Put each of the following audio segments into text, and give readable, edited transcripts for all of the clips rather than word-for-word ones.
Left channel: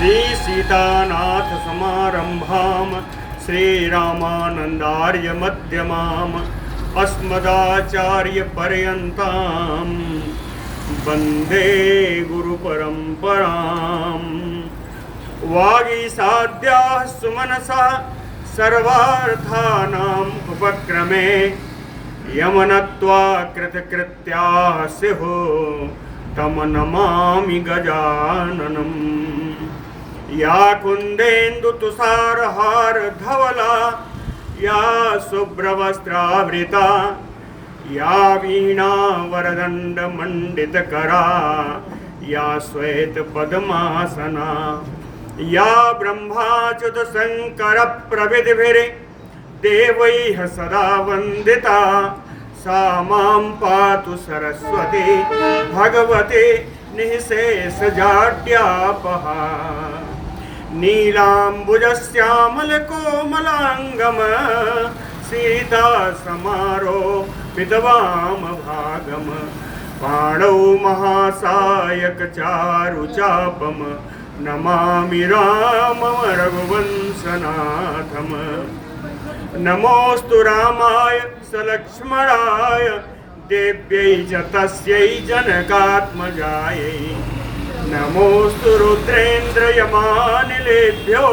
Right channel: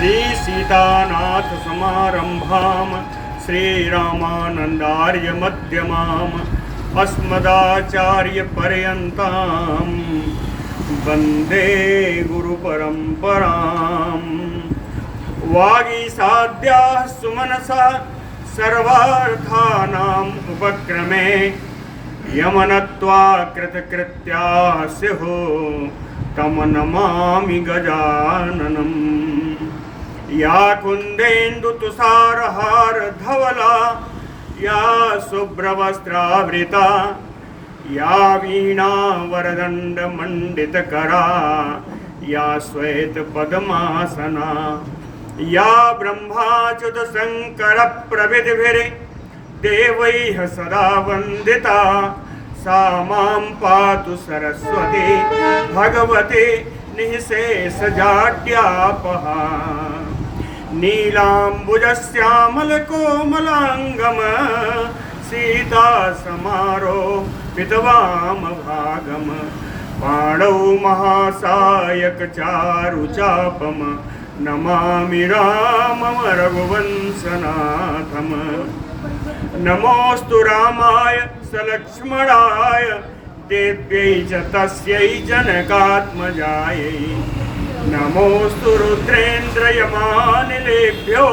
श्री सीतानाथ समारंभाम श्रीरामानंदार्य मध्यमाम अस्मदाचार्य पर्यन्ताम वंदे गुरु परंपराम। वागीसाद्याः सुमनसा सर्वार्थानाम् उपक्रमे यमनत्वा कृतकृत्याः स्युः तम नमामि गजाननम्। या कुन्देन्दु तुषारहार धवला या शुभ्रवस्त्रावृता या वीणा वरदंड मंडितकरा या श्वेत पद्मासना या ब्रह्माच्युत शंकर प्रविधिभिः देवैः सदा वंदिता सा मां पातु सरस्वती भगवती निःशेषजाड्यापहा। नीलाम्बुजश्यामलकोमलाङ्गम सीता समारोपितवाम भागम पाणौ महासायकचारुचापम नमामि रामं रघुवंशनाथम। नमोऽस्तु रामाय सलक्ष्मणाय देव्यै च तस्यै जनकात्मजायै। नमोऽस्तु रुद्रेन्द्रयमानिलेभ्यो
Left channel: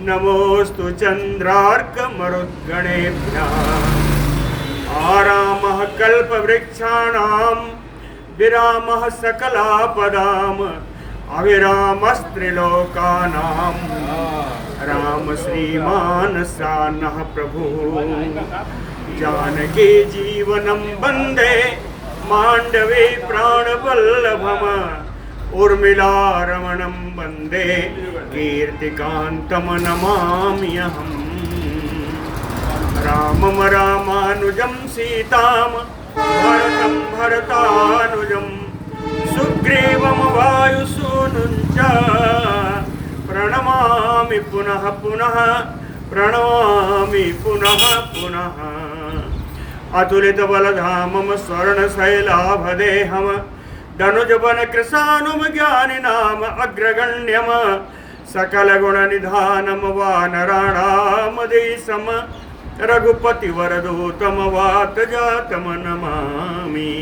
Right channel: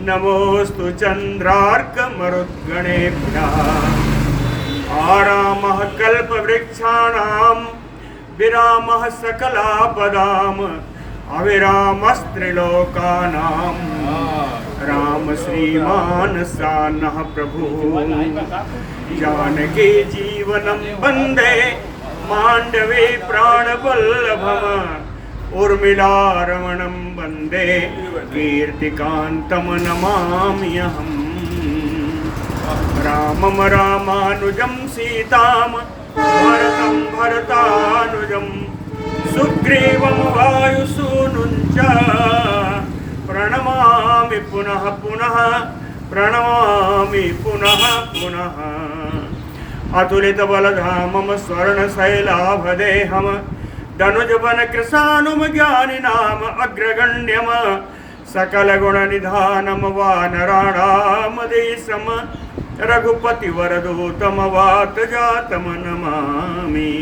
नमोऽस्तु चन्द्रार्कमरुद्गणेभ्यः। आरामः कल्पवृक्षाणां विरामः सकलापदाम् अविरामस्त्रिलोकानां राम श्रीमान सानः प्रभु। जानकी जीवनं वन्दे मांडवे प्राणवल्लभम् उर्मिलारमणं वन्दे कीर्तिकान्तं नमाम्यहम्। रामं रामानुजं सीतां भरतं भरतानुजं सुग्रीवं वायुसूनुं च प्रणमामि पुनः पुनः प्रणमामि पुनः पुनः। अतुलितबलधामं स्वर्णशैलाभदेहं धनुजवनकृशानुं ज्ञानिनाम् अग्रगण्यं सकलगुणनिधानं वानराणामधीशं रघुपतिवरदूतं वातजातं नमामि।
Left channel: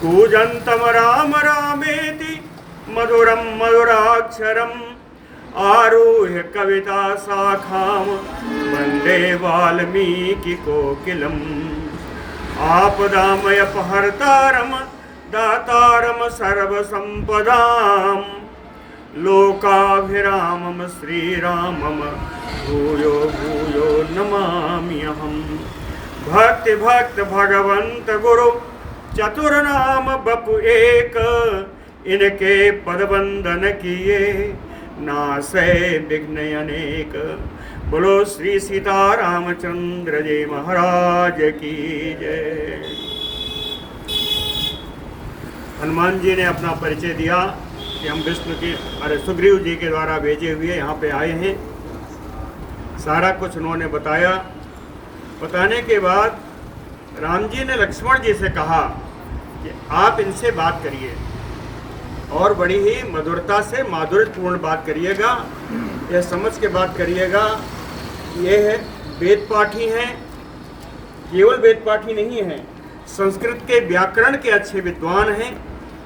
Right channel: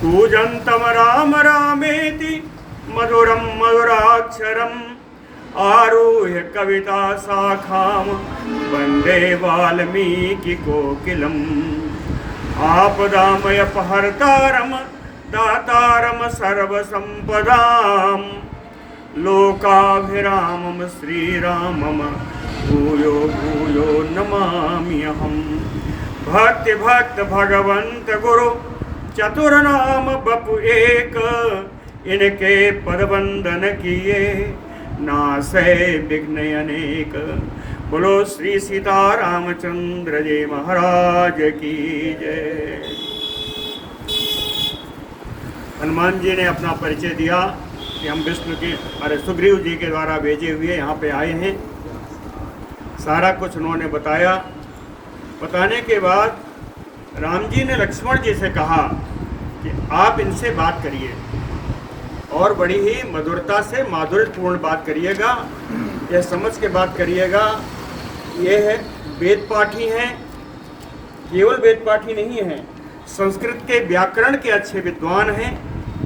कूजन्तं राम रामेति मधुरं मधुराक्षरम् आरुह्य कविता शाखां वन्दे वाल्मीकिकोकिलम्। आपदामयपहर्तारं दातारं सर्वसम्पदां लोकाभिरामं श्रीरामं भूयो भूयो नमाम्यहम्। भक्ति भक्त भगवंत गुरु चतुर्नाम बपु एक इनके पदवंदन किए नासै विघ्न अनेक। बोलो श्री सीतारामचंद्र जी महाराज की जय। हनुमान जी ने अपना परिचय दिया कि हम विष्णु की सुग्रीव जी के द्वारा भेजे हुए यहाँ पे आए हैं। सारा कुछ उन्होंने बताया। बताने के बाद राम जी ने लक्ष्मण जी से कहा कि आप इनसे बात करिए और बड़ी ही मधुरता से माधुर्यपूर्ण बात करिएगा। यह समझ के बात करिएगा। ये है वेद पाठी हैं, केवल वेद पाठी नहीं हैं, संस्कृत के व्याकरण के अच्छे विद्वान हैं।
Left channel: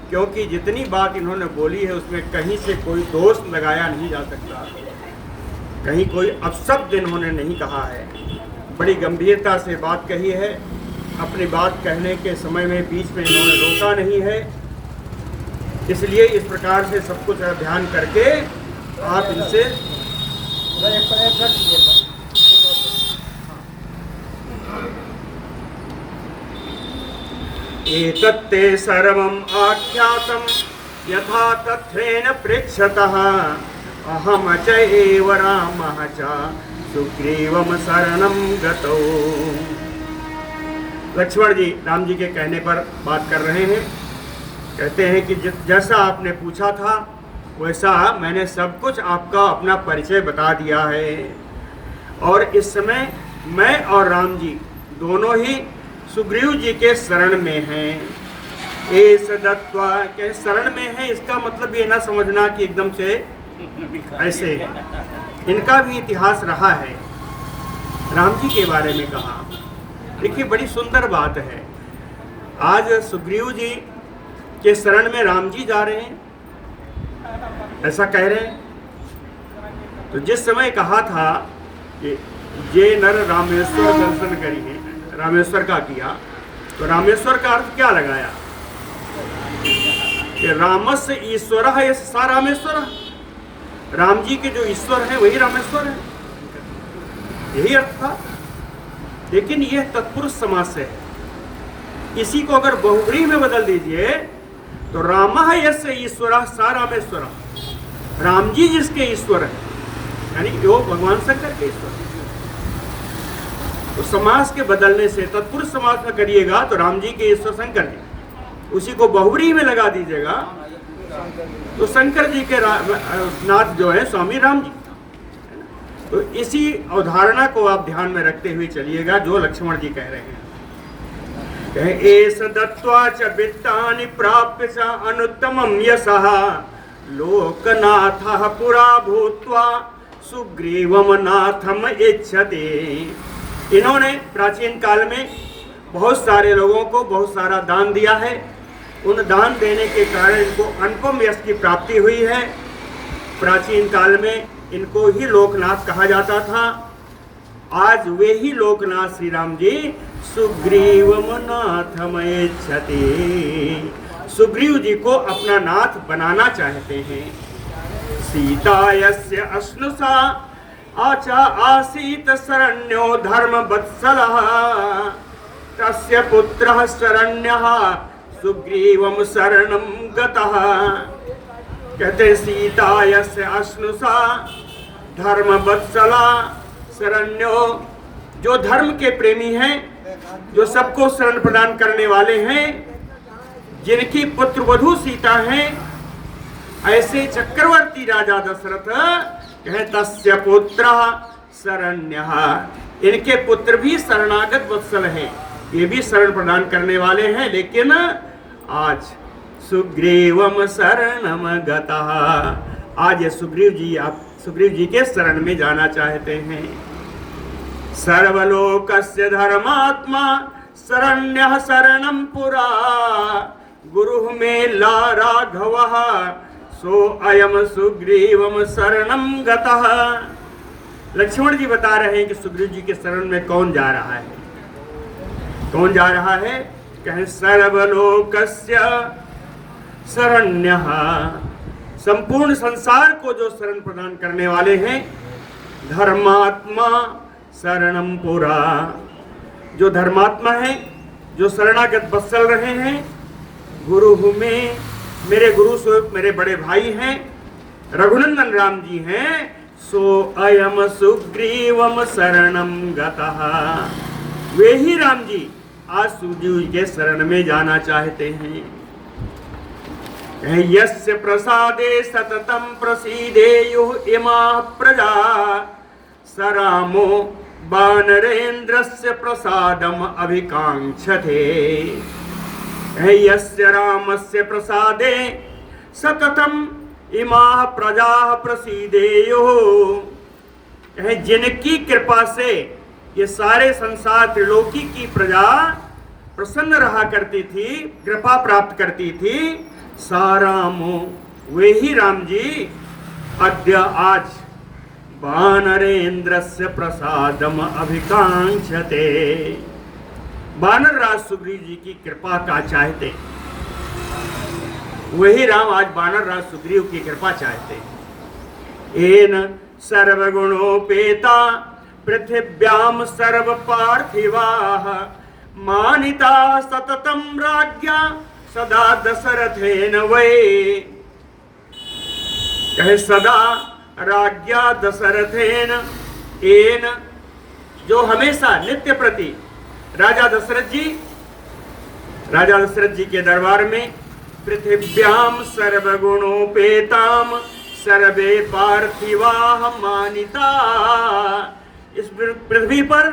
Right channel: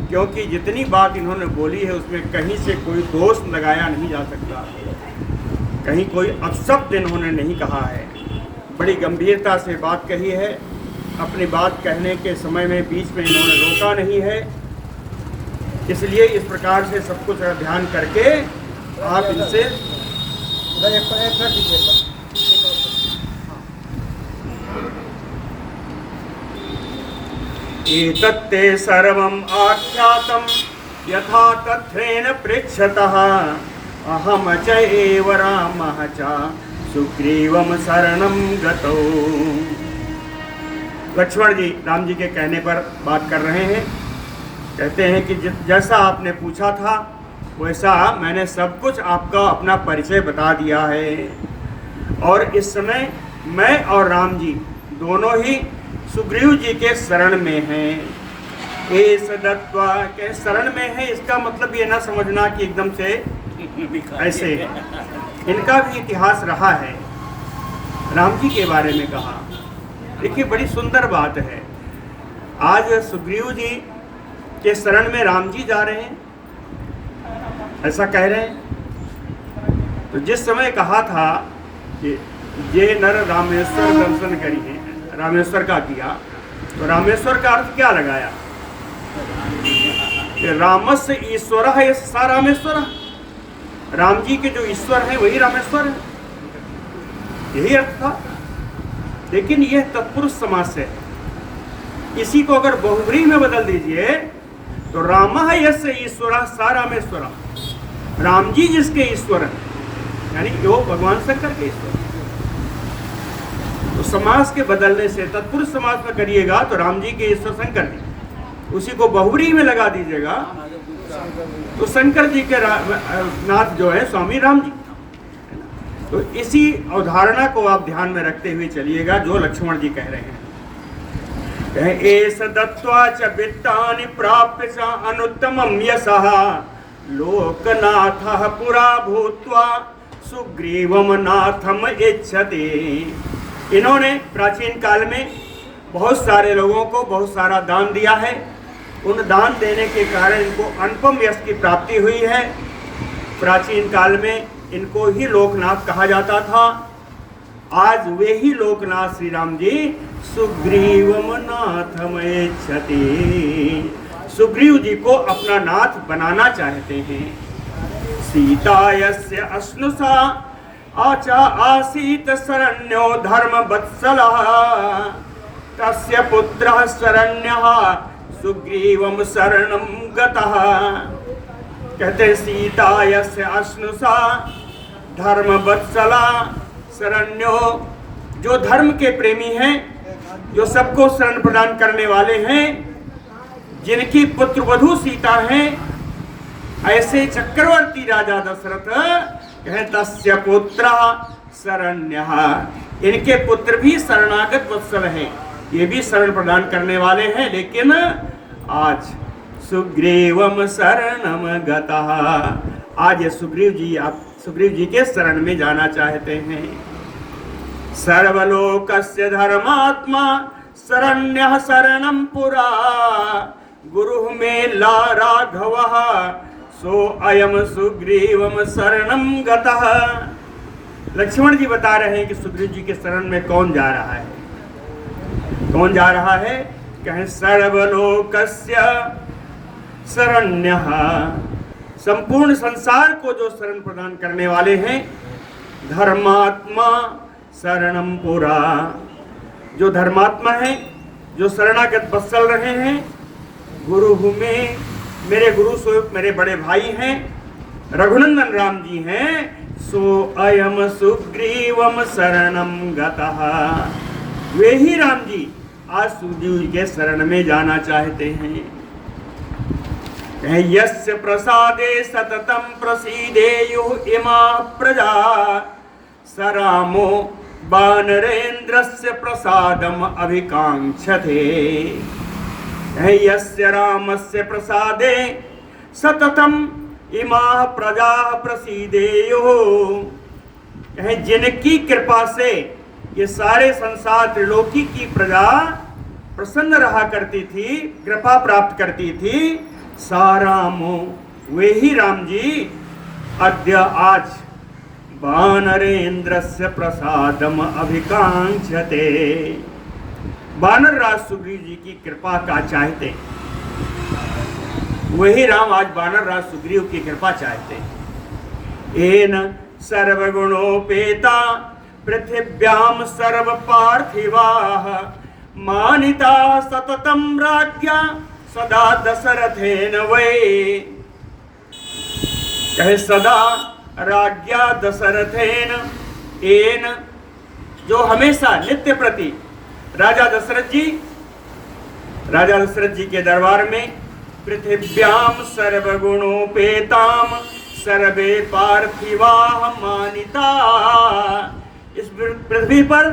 क्योंकि जितनी बात इन्होंने बोली है उसमें कहीं से कोई दोष लगाया नहीं जा सकता, कहीं कोई अपशब्द इन्होंने नहीं कहा है। बड़ी गंभीरता से बात कही है। अपनी बात कहने के समय में बीच में इन्होंने रोका नहीं है। इसलिए इस प्रकार से सब कुछ ध्यान करके आप इनसे एतत्ते सर्वम् आख्यातं यथा तथ्येन पृच्छतः अहम च एव रामः च सुग्रीवं शरणं गतौ। लक्ष्मण जी राम जी के कहने पर बात कर रहे हैं। कहते हैं कि जैसा आपने पूछा था वैसा मैंने सब कुछ आपका अपना परिचय बता दिया है। और इस समय मैं और राम जी दोनों ही सुग्रीव जी के शरण में हैं। एस दत्वा के शरण में है, इसका मतलब ये ना समझना कि एकदम से ऐसे, इनका भी इतिहास रहा है। राम जी के बारे में कहा, देखिए बड़ी सुंदर बात है। आज सुग्रीव जी के शरण में राम जी जा रहे हैं, ऐसा कह रहे हैं। तो जिस समय कहा था कि ये नर रामेश्वर दर्शन करिए, रामेश्वर का किया, तो रामेश्वर का अर्थ क्या लगाया कि रामस्य ईश्वर है सा रामेश्वर, राम जी के जो ईश्वर है वही रामेश्वर है, यही अर्थ था। लेकिन यह तत्पुरुष समास से है, इसी को अगर बहुव्रीहि में बदल दीजिए तो रामः यस्य ईश्वरः सा रामेश्वर, राम जी जिसके ईश्वर है, यानी वो भगवान शंकर के ईश्वर है। तो समास के बदलने से तत्पुरुष समास में करिएगा तो राम जी के ईश्वर शंकर जी, उसी को बहुव्रीहि में लगा दीजिएगा तो शंकर जी के नाथ जो है स्वामी राम जी। तो इसी अवधारणा को आप ध्यान में रखते हुए चलिएगा जो लक्ष्मण जी कह रहे हैं। एस दत्वा च वित्तानि प्राप्य च अनुत्तमं यशः लोकनाथः पुरा भूत्वा सुग्रीवं नाथम इच्छति। इन्होंने प्राचीन काल में बहुत सारे लोगों को बहुत सारा दान दिया है। उन दान देने के कारण इनको अनुपम यश की प्राप्ति हुई है। प्राचीन काल में इनको ही लोकनाथ कहा जाता था। आज वे ही लोकनाथ श्री राम जी सुग्रीवम नाथम इच्छति, सुग्रीव जी को अपना नाथ बनाना चाहते हैं। सीता यस्य अश्नुषा आचा आसीत शरण्यो धर्म वत्सलः तस्य पुत्रः शरण्यः सुग्रीवम शरणं गतः। कहते सीता यस्य अश्नुषा धर्म वत्सला शरण्यो, जो धर्म के प्रेमी हैं, जो सबको शरण प्रदान करने वाले हैं, जिनकी पुत्र वधू सीता हैं, ऐसे चक्रवर्ती राजा दशरथ कहे तस्य पुत्रः शरण्यः, इनके पुत्र भी शरणागत वत्सल हैं, ये भी शरण प्रदान करने वाले हैं। लेकिन आज सुग्रीवम शरणम गतः, आज ये सुग्रीव जी के शरण में जाना चाहते हैं। सर्वलोकस्य धर्मात्मा शरण्यः शरणं पुरा गुरुः मे ला राघवः सो अयम सुग्रीवम शरणं गतः। लक्ष्मण जी बता रहे हैं कि सुग्रीव जी के शरण में कौन जा रहा है, कौन जा रहा है। कहें सर्वलोकस्य शरण्यः, संपूर्ण संसार को जो शरण प्रदान करने वाले हैं। धर्मात्मा शरणम पुरा, जो धर्मात्मा है, जो शरणागत वत्सल रहे हैं। गुरु में, मेरे गुरु स्वरूप मेरे बड़े भाई हैं, रघुनंदन राम जी हैं। सो अयम सुग्रीवम शरणम गतः, वे ही राम जी आज सुग्रीव जी के शरण में जाना चाहते हैं। यस्य प्रसादे सततं प्रसीदेयुः इमाः प्रजा सरामो वानरेन्द्रस्य प्रसादम अभिकांक्षते। यस्य रामस्य प्रसादे सततं इमाः प्रजाः प्रसीदेयुः, जिनकी कृपा से ये सारे संसार त्रिलोकी की प्रजा प्रसन्न रहा करती थी, कृपा प्राप्त करती थी। सारामो, वे ही राम जी अद्य आज वानरेन्द्रस्य प्रसादम अभिकांक्षते, वानर राज सुग्रीव जी की कृपा का चाहते। वही राम आज वानर राज सुग्रीव की कृपा चाहते। एन सर्वगुणोपेता पृथिव्याम सर्व पार्थिवाः मानिता सततं राज्ञा सदा दशरथेन वै। कहे सदा राज्ञा दशरथेन, एन जो हमेशा नित्य प्रति राजा दशरथ जी के दरबार में पृथिव्याम सर्वगुणोपेताम सर्वे पार्थिवाः मानिता, इस पृथ्वी पर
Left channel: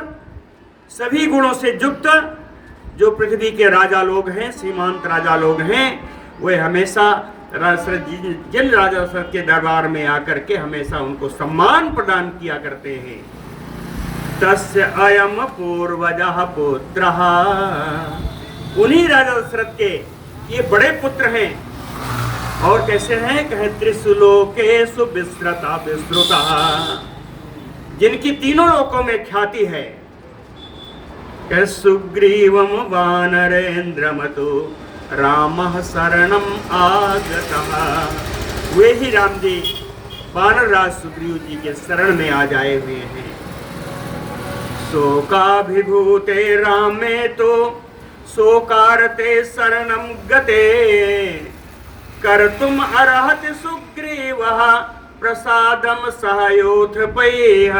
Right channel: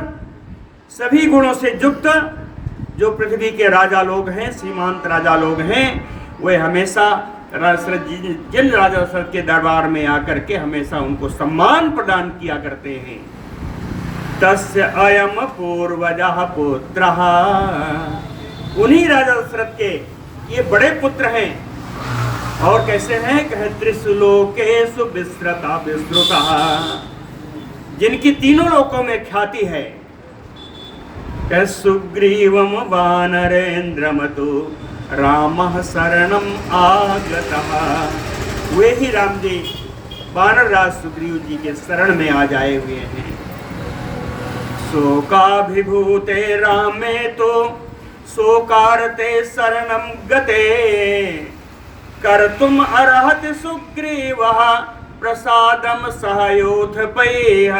सभी गुणों से युक्त जो पृथ्वी के राजा लोग हैं, सीमांत राजा लोग हैं, वे हमेशा जिन राजा दशरथ के दरबार में आकर के हमेशा उनको सम्मान प्रदान किया करते हैं। तस्य अयम पूर्वजः पुत्रः, उन्हीं राजा दशरथ के ये बड़े पुत्र हैं। और कैसे हैं? कहे त्रिशुलोकेषु विस्रता विश्रुता, जिनकी तीनों लोकों में ख्याति है। कहे सुग्रीवम वानरेन्द्रमतु रामः शरणम आगतः, वे ही राम जी वानर राज सुग्रीव जी के शरण में आ जाए हुए हैं। शोकाभिभूते रामे तो शोकारते शरणम गते, कर्तुम अर्हत सुग्रीवः प्रसादम सहयोधपैः।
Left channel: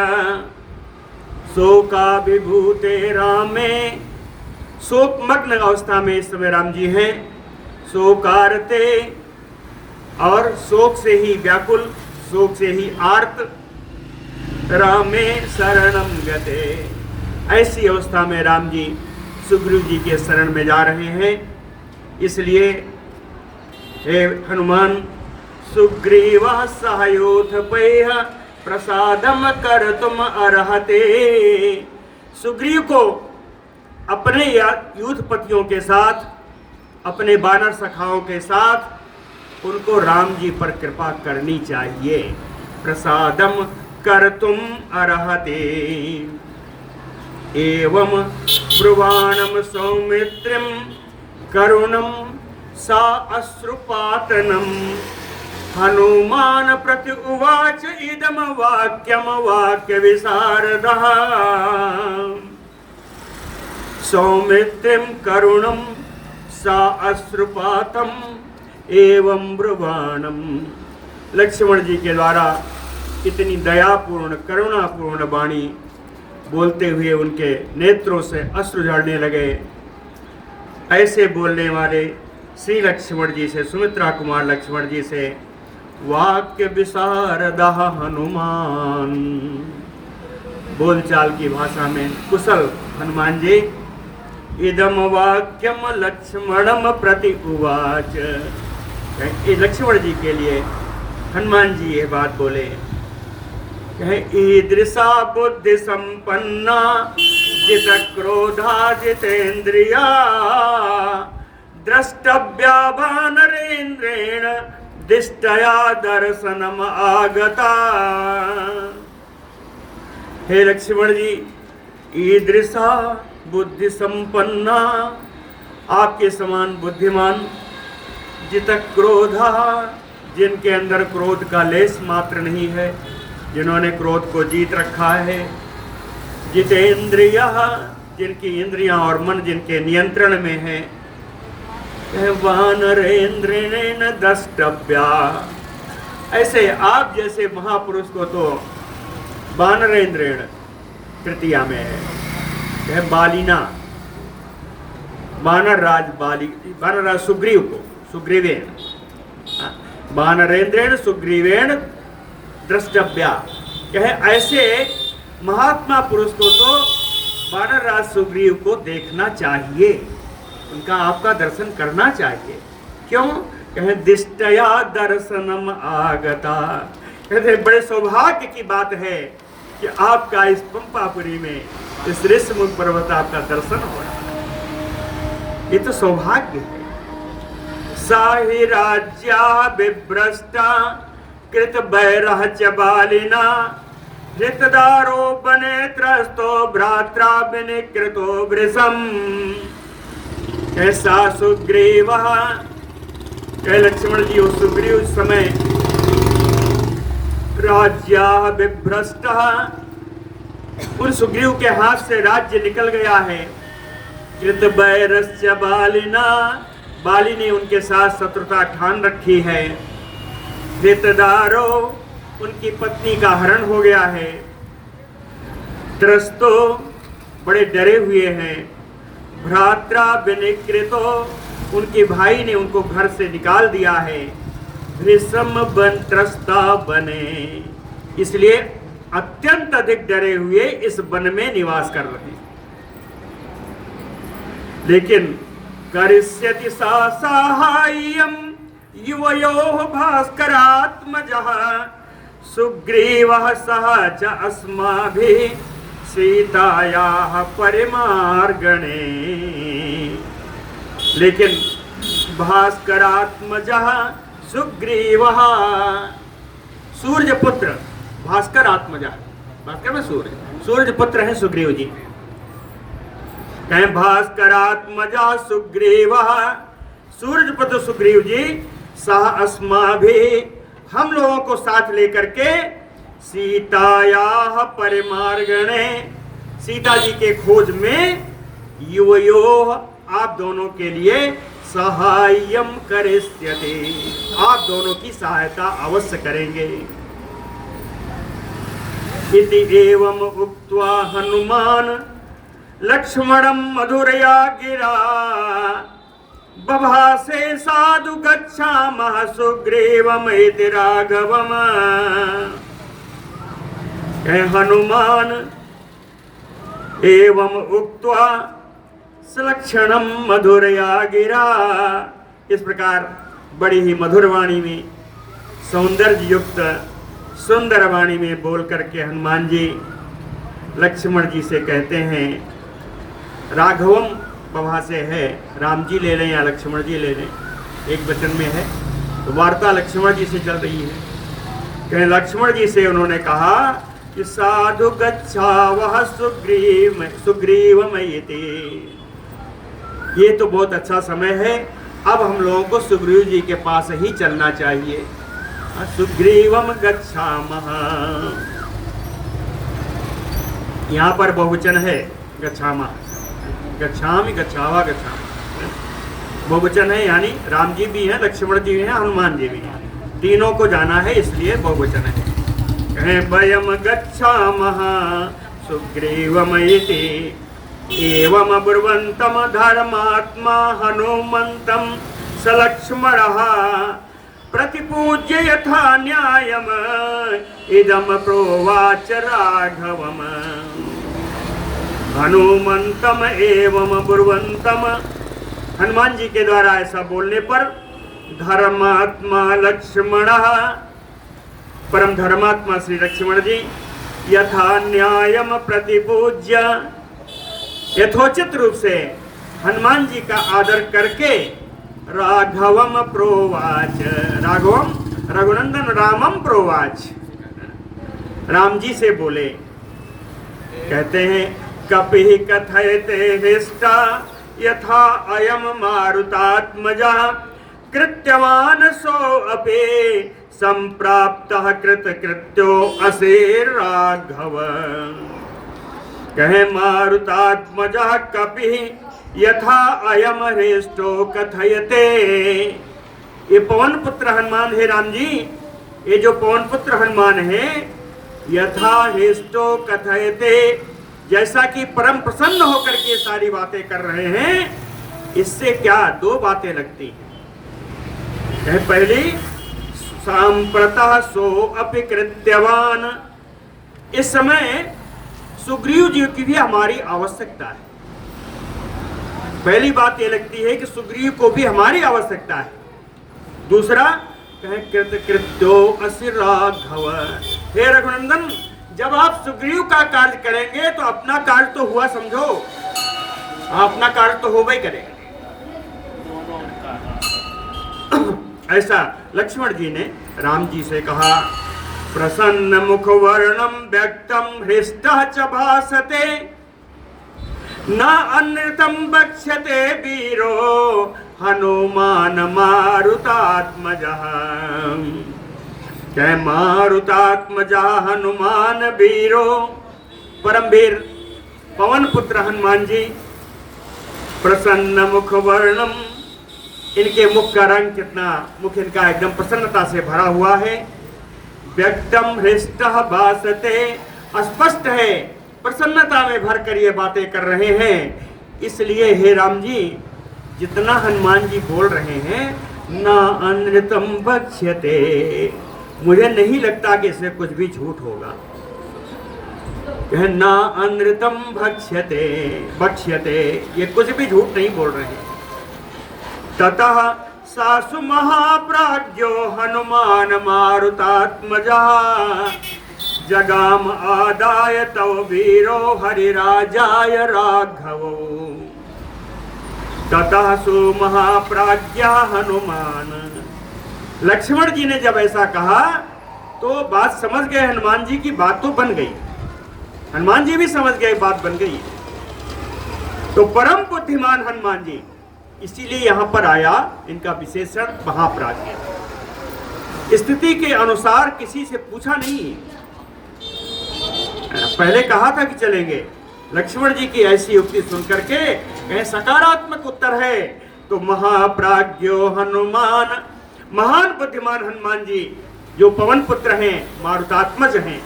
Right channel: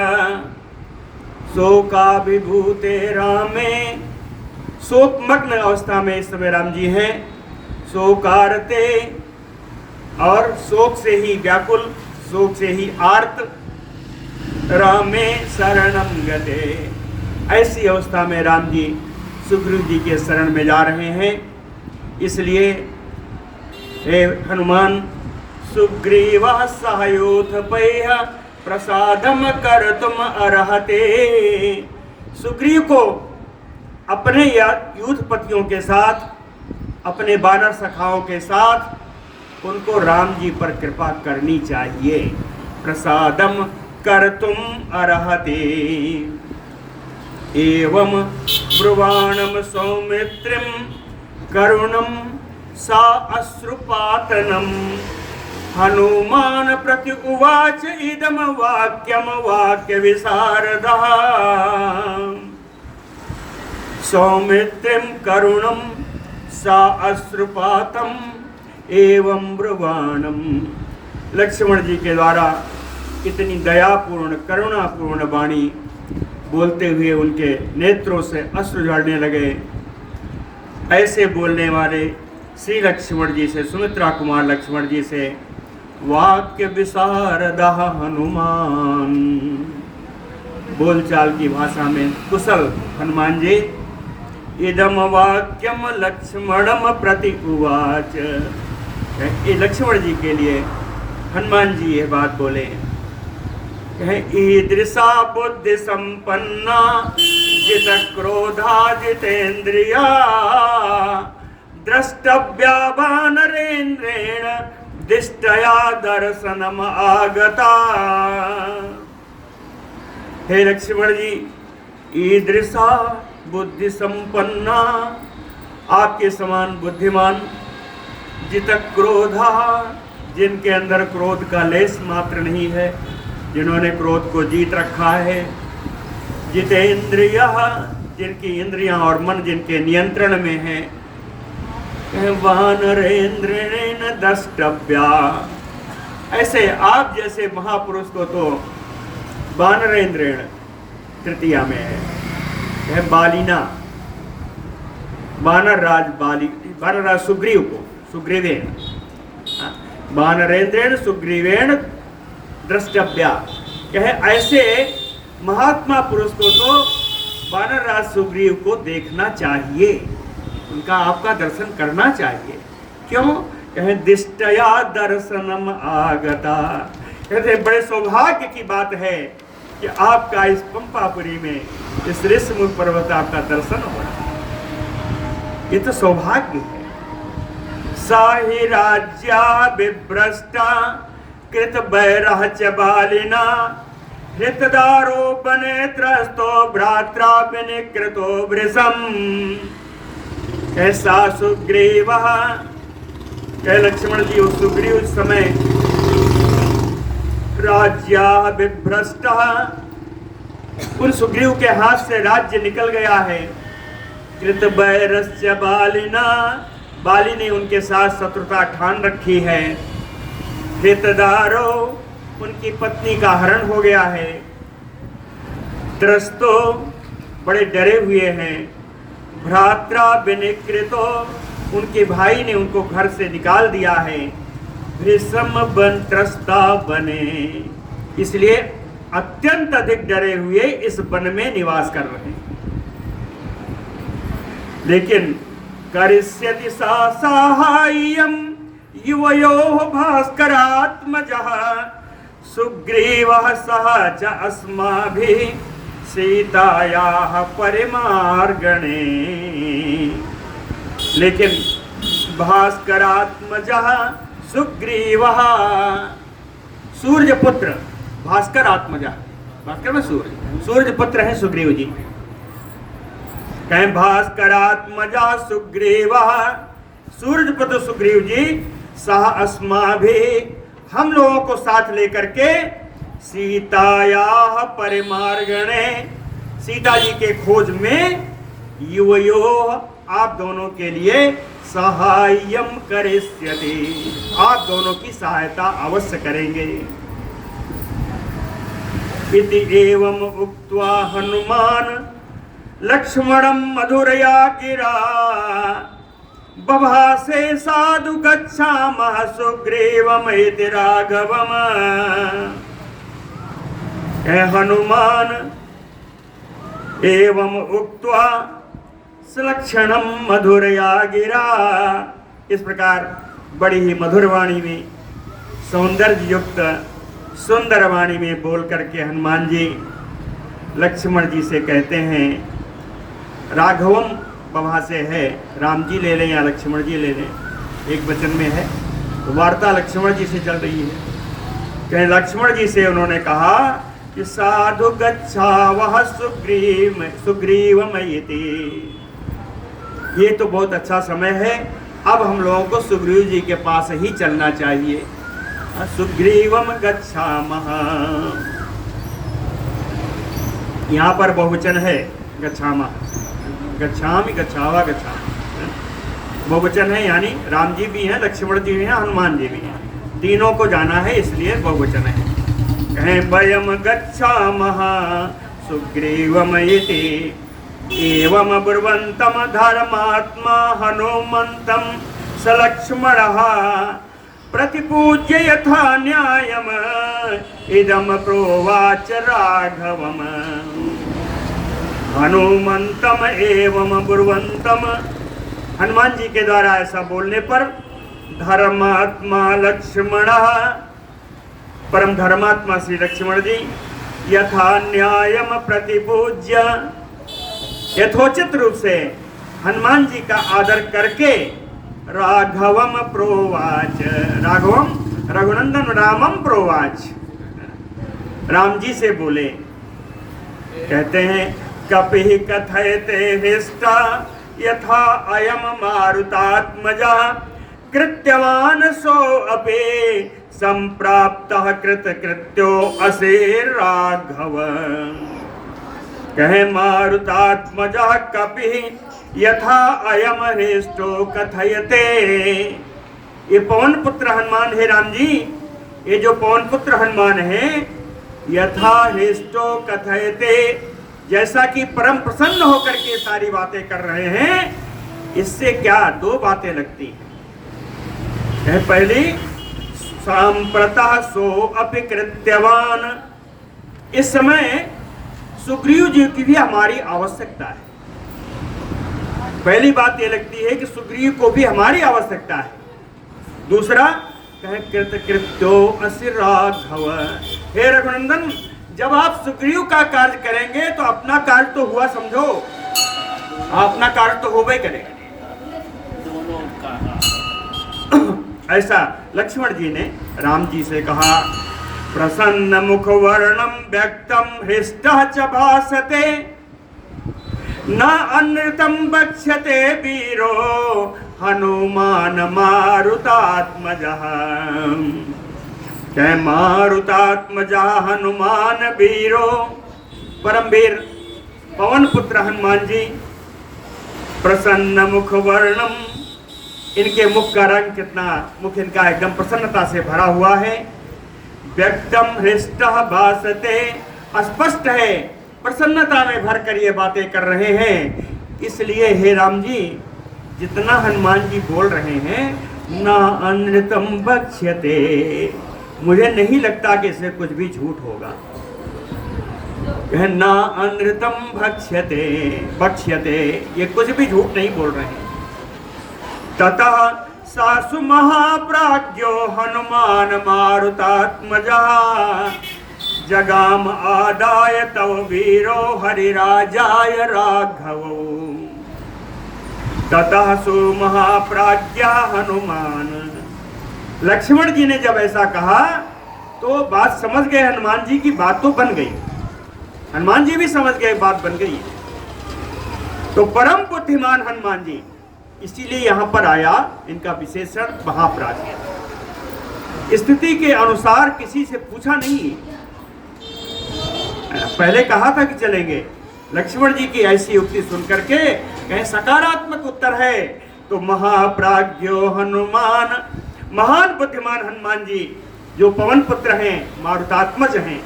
शोकाभिभूते रामे, शोकमग्न अवस्था में इस समय राम जी हैं। शोकारते, और शोक से ही व्याकुल, शोक से ही आर्त। रामे शरणम गते, ऐसी अवस्था में राम जी सुग्रीव जी के शरण में जा रहे हैं। इसलिए हे हनुमान, सुग्रीवः सहयोधपैः प्रसादम कर्तुम अर्हते, सुग्रीव को अपने युद्धपतियों के साथ, अपने वानर सखाओं के साथ उनको राम जी पर कृपा करनी चाहिए। प्रसादम कर्तुम अर्हते। एवं ब्रुवाणम सौमित्रिम करुणम सा अश्रुपातनम, हनुमान प्रति उवाच इदम वाक्यम वाक्य विशारदः। सौमित्रिम करुणम सा अश्रुपातम एवं ब्रुवाणम, लक्ष्मण जी के द्वारा इतनी दयापूर्ण करुणापूर्ण वाणी बोलते हुए उनके नेत्रों से अश्रु झड़ने लगे। ऐसे बोलने वाले श्री लक्ष्मण जी से, सुमित्रा कुमार लक्ष्मण जी से वाक्य विशारदः हनुमान, बोलचाल की भाषा में कुशल हनुमान जी। इदम वाक्यम लक्ष्मणम प्रति उवाच, लक्ष्मण जी के लिए हनुमान जी ये बात बोले। ईदृशा बुद्धि संपन्ना जित क्रोधा जितेन्द्रिया, द्रष्टव्या वानरेन्द्रेण दिष्टया दर्शनम आगता। हे लक्ष्मण जी, ईदृशा बुद्धि संपन्ना, आपके समान बुद्धिमान, जित क्रोधा, जिनके अंदर क्रोध का लेस मात्र नहीं है, जिन्होंने क्रोध को जीत रखा है। जितेन्द्रियः, जिनकी इंद्रियां और मन जिनके नियंत्रण में है। वानरेन्द्रेण द्रष्टव्या, ऐसे आप जैसे महापुरुष को तो वानरेन्द्रेण तृतीया में है। बालिना, वानर राज सुग्रीव को, सुग्रीवेण, वानरेन्द्रेण सुग्रीवेण द्रष्टव्या, कहे ऐसे महात्मा पुरुष को तो वानर राज सुग्रीव को देखना चाहिए, उनका आपका दर्शन करना चाहिए। क्यों? कहे दिष्टया दर्शनम आगता, कहते बड़े सौभाग्य की बात है कि आपका इस पंपापुरी में, इस ऋषिमुख पर्वत आपका दर्शन हो रहा है, ये तो सौभाग्य है। साहि राज्या विभ्रष्टा कृत बैरह च बालिना, हृतदारो बने त्रस्तो भ्रात्रा विनिकृतो वृषम। ऐसा सुग्रीव, लक्ष्मण जी उस सुग्रीव उस समय राज्या विभ्रष्टा, उन सुग्रीव के हाथ से राज्य निकल गया है। कृत बैरस्य बालिना, बाली ने उनके साथ शत्रुता ठान रखी है। हृतदारो, उनकी पत्नी का हरण हो गया है। त्रस्तो, बड़े डरे हुए हैं। भ्रात्रा विनिकृतो, उनके भाई ने उनको घर से निकाल दिया है। भृशम बन त्रस्ता बने, इसलिए अत्यंत अधिक डरे हुए इस वन में निवास कर रहे हैं। लेकिन करिष्यति सा साहाय्यम युवयोः भास्करात्मजः सुग्रीवः सह च अस्माभिः सीतायाः परिमार्गणे। लेकिन भास्करात्मजः सुग्रीवः, सूर्यपुत्र भास्करात्मजः, भास्कर में सूर्य पुत्र है सुग्रीव जी। कहें भास्करात्मजा सुग्रीवः, सूर्य पुत्र सुग्रीव जी, सह अस्माभिः, हम लोगों को साथ लेकर के सीतायाः परिमार्गणे, सीता जी के खोज में, युवयोः, आप दोनों के लिए सहाय्यम करिष्यति, आप दोनों की सहायता अवश्य करेंगे। इति एवं उक्त्वा हनुमान लक्ष्मणं मधुरया गिरा बभासे साधु गच्छामः सुग्रीवमिति राघवम्। हनुमान एवं उक्त्वा सलक्षणं मधुरया गिरा, इस प्रकार बड़ी ही मधुर वाणी में, सौंदर्य युक्त सुंदर वाणी में बोल करके हनुमान जी लक्ष्मण जी से कहते हैं, राघवम बभा से है, राम जी ले लें या लक्ष्मण जी ले लें, एक वचन में है, तो वार्ता लक्ष्मण जी से चल रही है। कहीं लक्ष्मण जी से उन्होंने कहा कि साधु गच्छावः सुग्रीवमिति, ये तो बहुत अच्छा समय है, अब हम लोगों को सुग्रीव जी के पास ही चलना चाहिए। सुग्रीवम गच्छामः, यहाँ पर बहुवचन है गच्छामः, गच्छामि गच्छावा गच्छामः, बहुवचन है, यानी राम जी भी हैं, लक्ष्मण जी भी हैं, हनुमान जी भी हैं, तीनों को जाना है, इसलिए बहुवचन है। कहें वयम गच्छामः सुग्रीवमिति एवं ब्रुवन्तं धर्मात्मा हनुमन्तं सलक्ष्मणः प्रतिपूज्य यथा न्यायम इदम प्रोवाच राघवम्। हनुमंतम एवं ब्रुवंतम, हनुमान जी के द्वारा ऐसा बोलने पर धर्मात्मा लक्ष्मणः, परम धर्मात्मा श्री लक्ष्मण जी, यथा न्यायम प्रतिपूज्य, यथोचित रूप से हनुमान जी का आदर करके राघवम प्रोवाच, राघवम रघुनंदन रामम प्रोवाच, राम जी से बोले। कहते हैं कपिः कथयते हृष्टा यथा अयम मारुतात्मजा कृत्यवान सो अपि संप्राप्तः कृतकृत्यो असे राघव। कहे मारुतात्मजा कपिः यथा अयम हृष्टो कथयते, ये पवन पुत्र हनुमान है राम जी, ये जो पवन पुत्र हनुमान है, यथा हृष्टो कथयते, जैसा कि परम प्रसन्न होकर के सारी बातें कर रहे हैं, इससे क्या दो बातें लगती हैं। पहली सांप्रतः सो अपि कृत्यवान, इस समय सुग्रीव जी की भी हमारी आवश्यकता है। पहली बात ये लगती है कि सुग्रीव को भी हमारी आवश्यकता है। दूसरा कहे कृतकृत्यो असि राघव, हे रघुनंदन, जब आप सुग्रीव का कार्य करेंगे तो अपना कार्य तो हुआ समझो, अपना कार्य तो होगा ही करेगा। ऐसा लक्ष्मण जी ने राम जी से कहा। प्रसन्न मुख वर्णम व्यक्तम हृष्टः च भासते न अनृतम बक्ष्यते वीरो हनुमान मारुतात्मजः। कह मारुतात्मजा हनुमान वीरो, परम वीर पवन पुत्र हनुमान जी, प्रसन्न मुख वर्णम, इनके मुख का रंग कितना, मुख इनका एकदम प्रसन्नता से भरा हुआ है। व्यक्तम हृष्टः भासते, स्पष्ट है, प्रसन्नता में भर कर ये बातें कर रहे हैं। इसलिए हे राम जी, जितना हनुमान जी बोल रहे हैं, ना अनृतम बक्ष्यते, मुझे नहीं लगता कि इसमें कुछ भी झूठ होगा। ना अनृतम भक्ष्यते भक्ष्यते, ये कुछ भी झूठ नहीं बोल रहे हैं। ततः सासु महाप्राज्ञो हनुमान मारुतात्मजः जगाम आदाय तव वीरो हरिराजाय राघवो। ततः सु महाप्राज्ञ हनुमान, लक्ष्मण जी ने जब ऐसा कहा तो बात समझ गए हनुमान जी की, बात तो बन गई, हनुमान जी भी समझ गए बात बन गई। तो परम बुद्धिमान हनुमान जी, इसीलिए यहां पर आया इनका विशेषण महाप्राज्ञ। स्थिति के अनुसार किसी से पूछा नहीं, पहले कहा था कि चलेंगे, लक्ष्मण जी की ऐसी युक्ति सुनकर के कहीं सकारात्मक उत्तर है तो महाप्राज्ञो हनुमान, महान बुद्धिमान हनुमान जी जो पवन पुत्र हैं, मारुतात्मज हैं,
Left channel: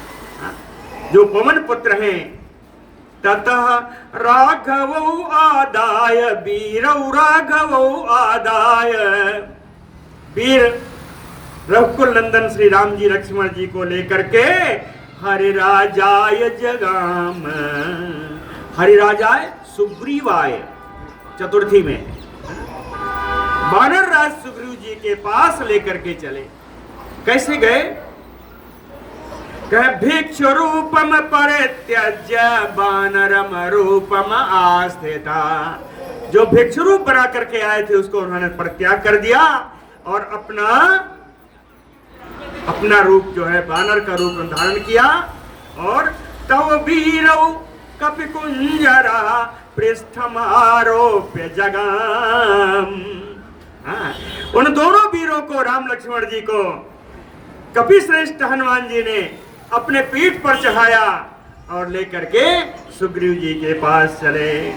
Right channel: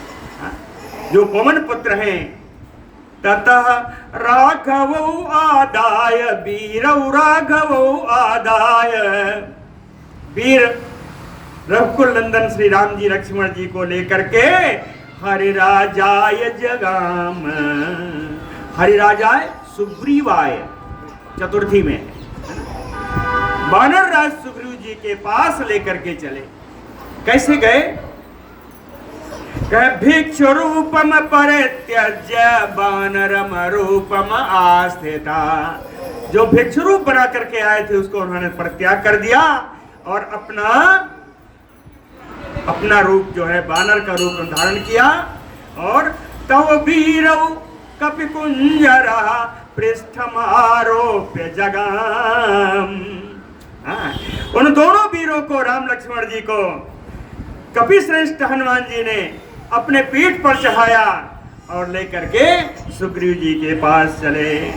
जो पवन पुत्र हैं। ततः राघवौ आदाय वीरौ राघवौ आदाय, वीर रघुकुल नंदन श्री राम जी लक्ष्मण जी को लेकर के हरिराजाय जगाम, हरिराजाय सुग्रीवाय चतुर्थी में, वानर राज सुग्रीव जी के पास लेकर के चले। कैसे गए? कह भिक्षु रूपम परित्यज्य वानरम रूपम आस्थिता, जो भिक्षु रूप बना करके आए थे उसको उन्होंने परित्याग कर दिया और अपना रूप जो है वानर का रूप धारण किया। और तव वीरौ कपिकुंजरा पृष्ठमारोप्य जगाम, उन दोनों वीरों को, राम लक्ष्मण जी को कपि श्रेष्ठ हनुमान जी ने अपने पीठ पर चढ़ाया और लेकर के सुग्रीव जी के पास चले।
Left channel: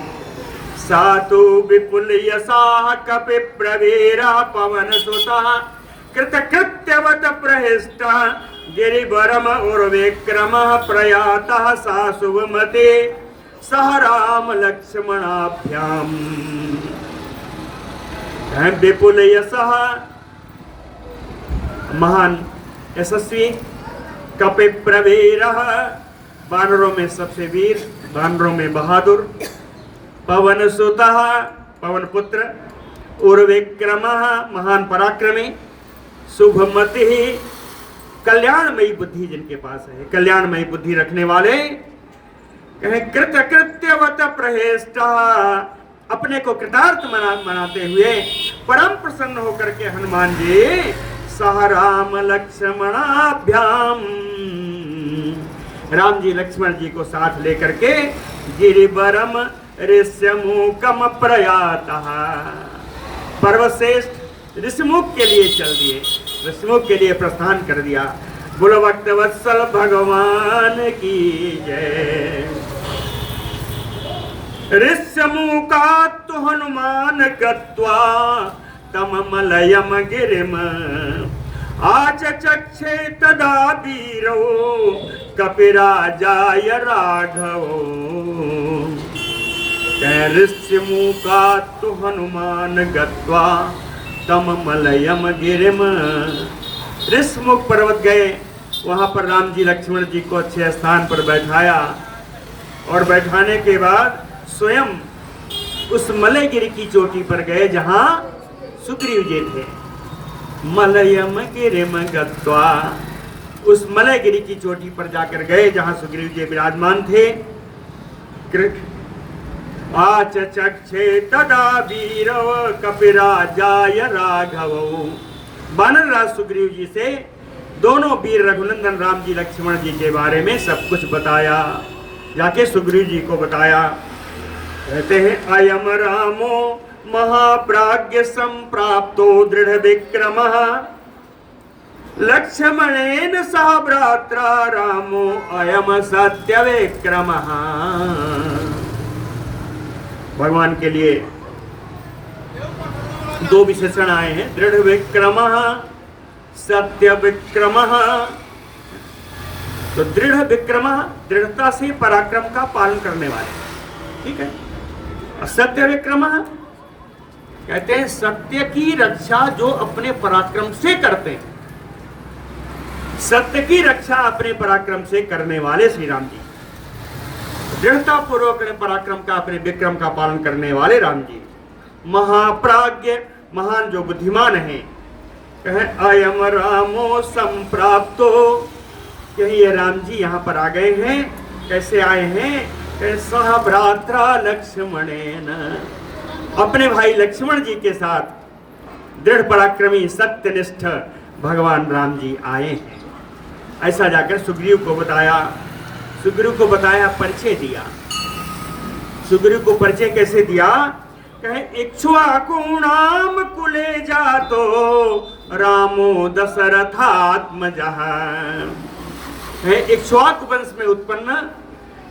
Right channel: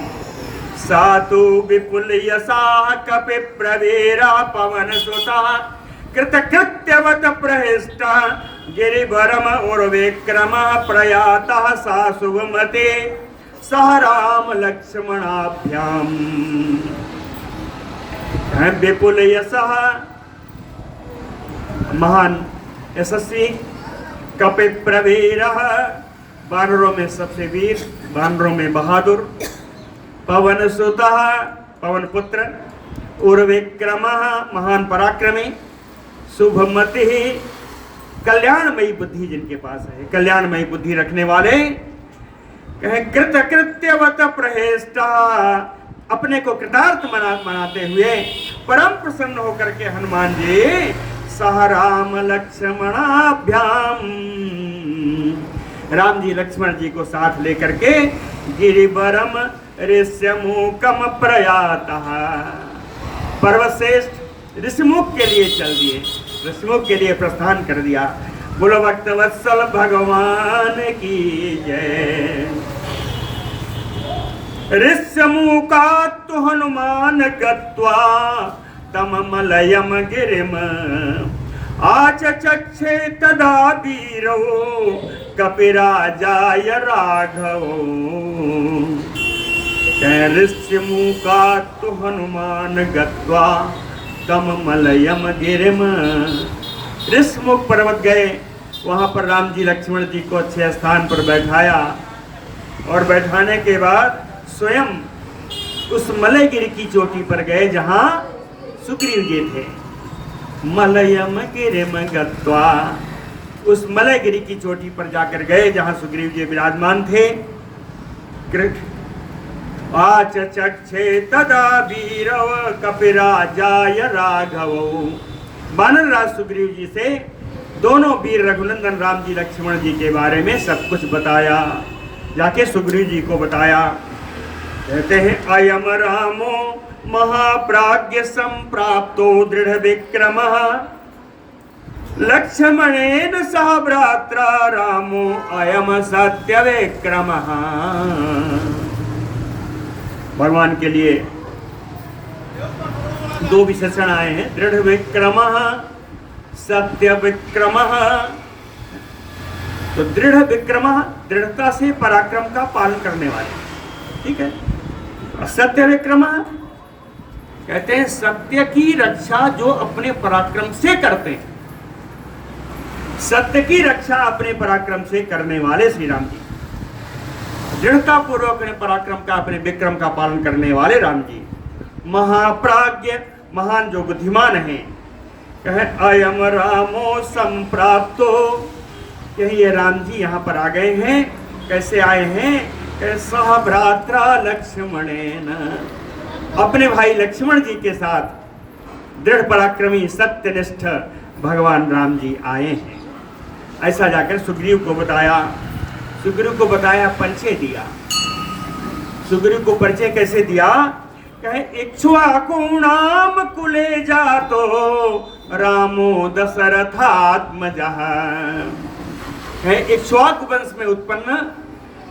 सातु विपुल यसा कपि प्रवीरा पवन सुता कृतकृत्यवत प्रहिष्टा गिरिवरम उर्विक्रम प्रयातः सासुवमते सह राम लक्ष्मणाभ्याम। विपुल यशः, महान यशस्वी, कपि प्रवीरः, वानरों में सबसे वीर, वानरों में बहादुर, पवन सुतः, पवन पुत्र, उर्विक्रमः, महान पराक्रमी, शुभमति, कल्याणमयी बुद्धि जिनके पास है, कल्याणमयी बुद्धि रखने वाले। कहें कृतकृत्यवत प्रहेष्टा, अपने को कृतार्थ मनाते हुए परम प्रसन्न होकर के हनुमान जी सह राम लक्ष्मणाभ्याम, राम जी लक्ष्मण जी को साथ लेकर के गिरिवरम ऋष्यमुखम प्रयातः, पर्वतश्रेष्ठ ऋषिमुख के लिए चल दिए, ऋषिमुख के लिए प्रस्थान कर दिया। बोलो भक्तवत्सल भगवान की जय। ऋष्यमुखात् हनुमान गत्वा तममलयम गिरिम आचचक्षे तदा वीरो कपिराजाय राघवो। ऋष्यमुखात् हनुमान गत्वा तममलयम गिरिम, ऋष्यमुख पर्वत गए, वहां पर राम जी लक्ष्मण जी को अच्छे स्थान पर बैठाया और बैठाने के बाद स्वयं उस मलयगिरी की चोटी पर गए जहां सुग्रीव जी थे। मलयम गिरिम गत्वा, उस मलयगिरी की चोटी पर जाकर गए जहां सुग्रीव जी विराजमान थे। आचचक्षे तदा वीरो कपिराजाय राघवो, वानर राज सुग्रीव जी से दोनों वीर रघुनंदन राम जी लक्ष्मण जी के बारे में सब कुछ बताया, जाके सुग्रीव जी को बताया। कहते हैं अयम रामो महाप्राज्ञ संप्राप्तो दृढ़ विक्रमः लक्ष्मणेन सह भ्रात्रा रामो अयम सत्य विक्रमः। भगवान के लिए दो विशेषण आए हैं, दृढ़ विक्रमः, सत्य विक्रमः। तो दृढ़ विक्रमः, दृढ़ता से पराक्रम का पालन करने वाले, ठीक है। सत्य विक्रमः कहते हैं सत्य की रक्षा जो अपने पराक्रम से करते हैं, सत्य की रक्षा अपने पराक्रम से करने वाले श्री राम जी। दृढ़ता पूर्वक अपने पराक्रम का, अपने विक्रम का पालन करने वाले राम जी, महाप्राज्ञ, महान जो बुद्धिमान हैं। कहे अयम रामो संप्राप्तो, कहे ये राम जी यहाँ पर आ गए हैं। कैसे आए हैं? कहे सह भ्रात्रा लक्ष्मणेन, अपने भाई लक्ष्मण जी के साथ दृढ़ पराक्रमी सत्यनिष्ठ भगवान राम जी आए हैं। ऐसा जाकर सुग्रीव को बताया। सुग्रीव को बताया, परिचय दिया। सुग्रीव को परिचय कैसे दिया? कहे इक्ष्वाकुणाम कुले जातो रामो दशरथात्मजः, इक्ष्वाकु वंश में उत्पन्न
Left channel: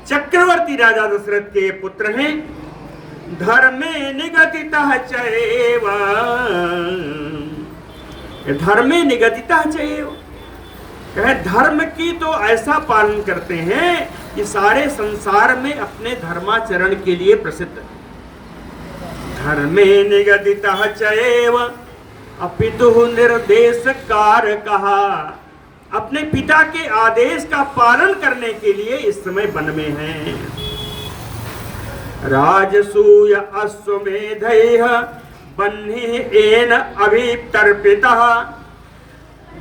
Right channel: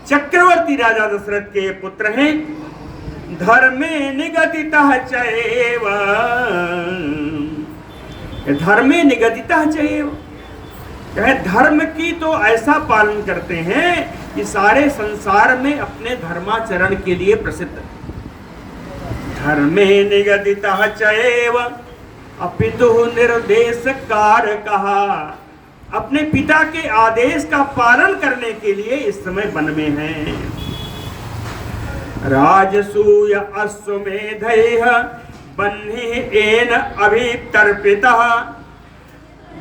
चक्रवर्ती राजा दशरथ के पुत्र हैं। धर्मे निगदितः चैव, धर्मे निगदितः चैव, कहे धर्म की तो ऐसा पालन करते हैं कि सारे संसार में अपने धर्माचरण के लिए प्रसिद्ध है। धर्मे निगदितः चैव अपितु निर्देश कारकः, अपने पिता के आदेश का पालन करने के लिए इस समय वन में हैं। राजसूय अश्वमेधैः बह्निः येन अभितर्पितः,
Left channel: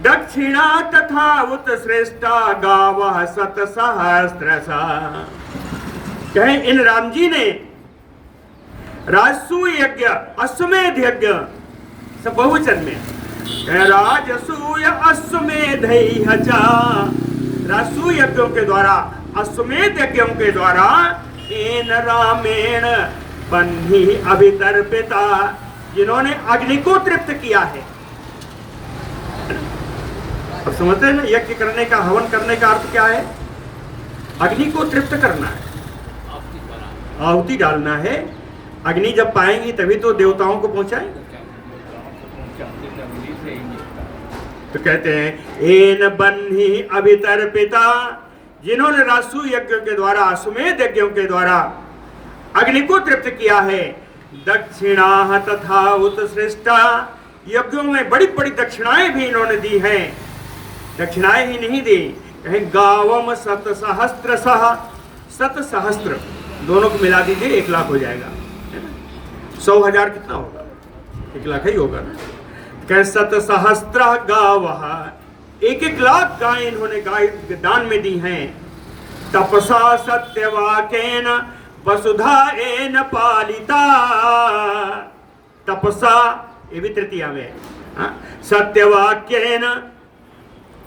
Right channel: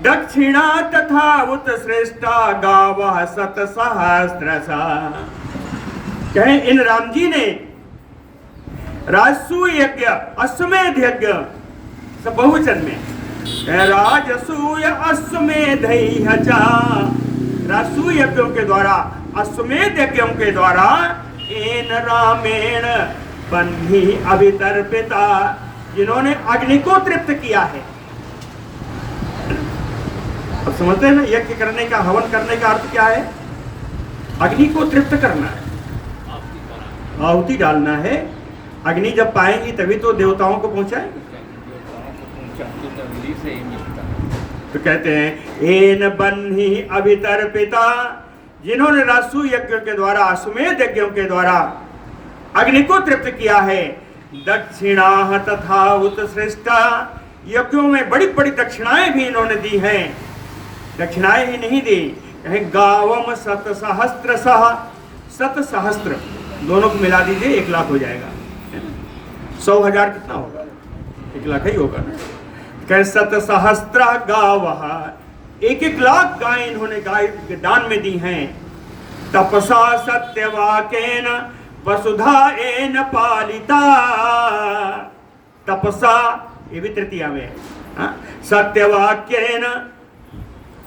दक्षिणा तथा उत श्रेष्ठा गावः शतसहस्रशः, कहें इन राम जी ने राजसूय यज्ञ, अश्वमेध यज्ञ, सब बहुवचन में, राजसूय अश्वमेधैः च, राजसूय यज्ञों के द्वारा, अश्वमेध यज्ञों के द्वारा, एन रामेण बन्ही अभितर्पिता, जिन्होंने अग्नि को तृप्त किया है। अब समझते हैं ना, यज्ञ करने का, हवन करने का अर्थ क्या है? अग्नि को तृप्त करना है, आहुति डालना है। अग्नि जब पाएंगी तभी तो देवताओं को पहुंचाएंगे। तो कहते हैं एन बन्ही अभितर्पिता, जिन्होंने राजसूय यज्ञों के द्वारा, अश्वमेध यज्ञों के द्वारा अग्नि को तृप्त किया है। दक्षिणा तथा उत श्रेष्ठा, यज्ञों में बड़ी बड़ी दक्षिणाएं भी इन्होंने दी हैं। दक्षिणाएं ही नहीं दी, कहें गावम शत सहस्त्रशः, शत सहस्त्र दोनों को मिला दीजिए 1 लाख हो जाएगा। 100,000 कितना होगा? 1 लाख ही होगा ना। कह शत सहस्त्र गावः, 1-1 लाख गाय इन्होंने गाय दान में दी हैं। तपसा सत्यवाकेन वसुधा एन पालिता, तपसा ये भी तृतीया में है। सत्यवाक्येन,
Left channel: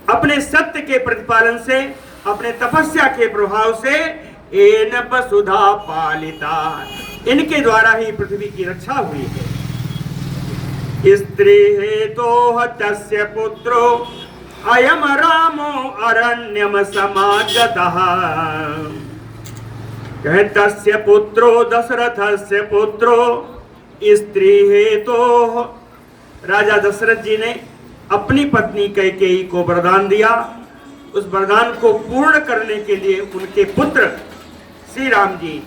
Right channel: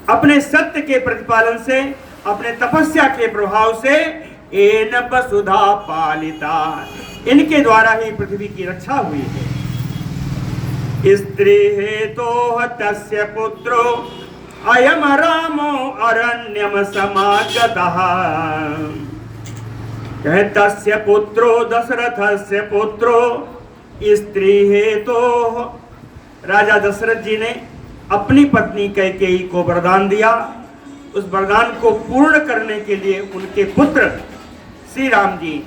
अपने सत्य के प्रतिपालन से, अपने तपस्या के प्रभाव से, एन वसुधा पालिता, इनके द्वारा ही पृथ्वी की रक्षा हुई है। स्त्री हेतो तस्य पुत्रो अयम रामो अरण्यम समागतः, कहे तस्य पुत्रो दशरथस्य पुत्रो, स्त्री हेतो, राजा दशरथ जी ने अपनी पत्नी कैकेयी को वरदान दिया। उस वरदान को पूर्ण करने के लिए उनके पुत्र श्री राम जी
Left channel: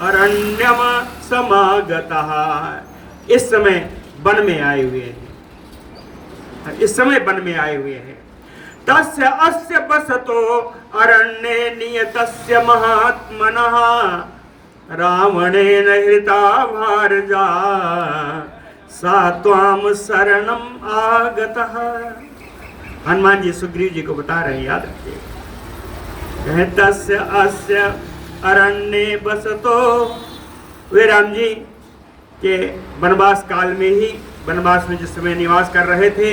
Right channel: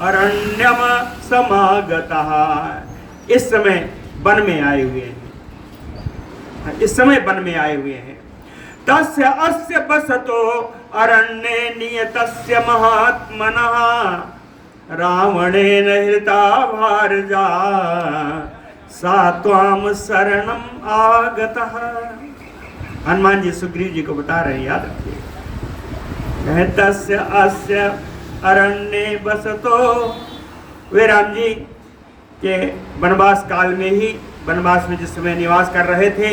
अरण्यम समागतः, इस समय वन में आए हुए हैं। इस समय वन में आए हुए हैं। तस्य अस्य बसतो अरण्ये नियतस्य महात्मनः, रावणेन हृता भारजा सा त्वाम शरणम आगतः। हनुमान जी सुग्रीव जी को बता रहे हैं, याद रखिए। तस्य अस्य अरण्ये बसतो, वे राम जी के वनवास काल में ही, वनवास में जिस समय निवास कर रहे थे,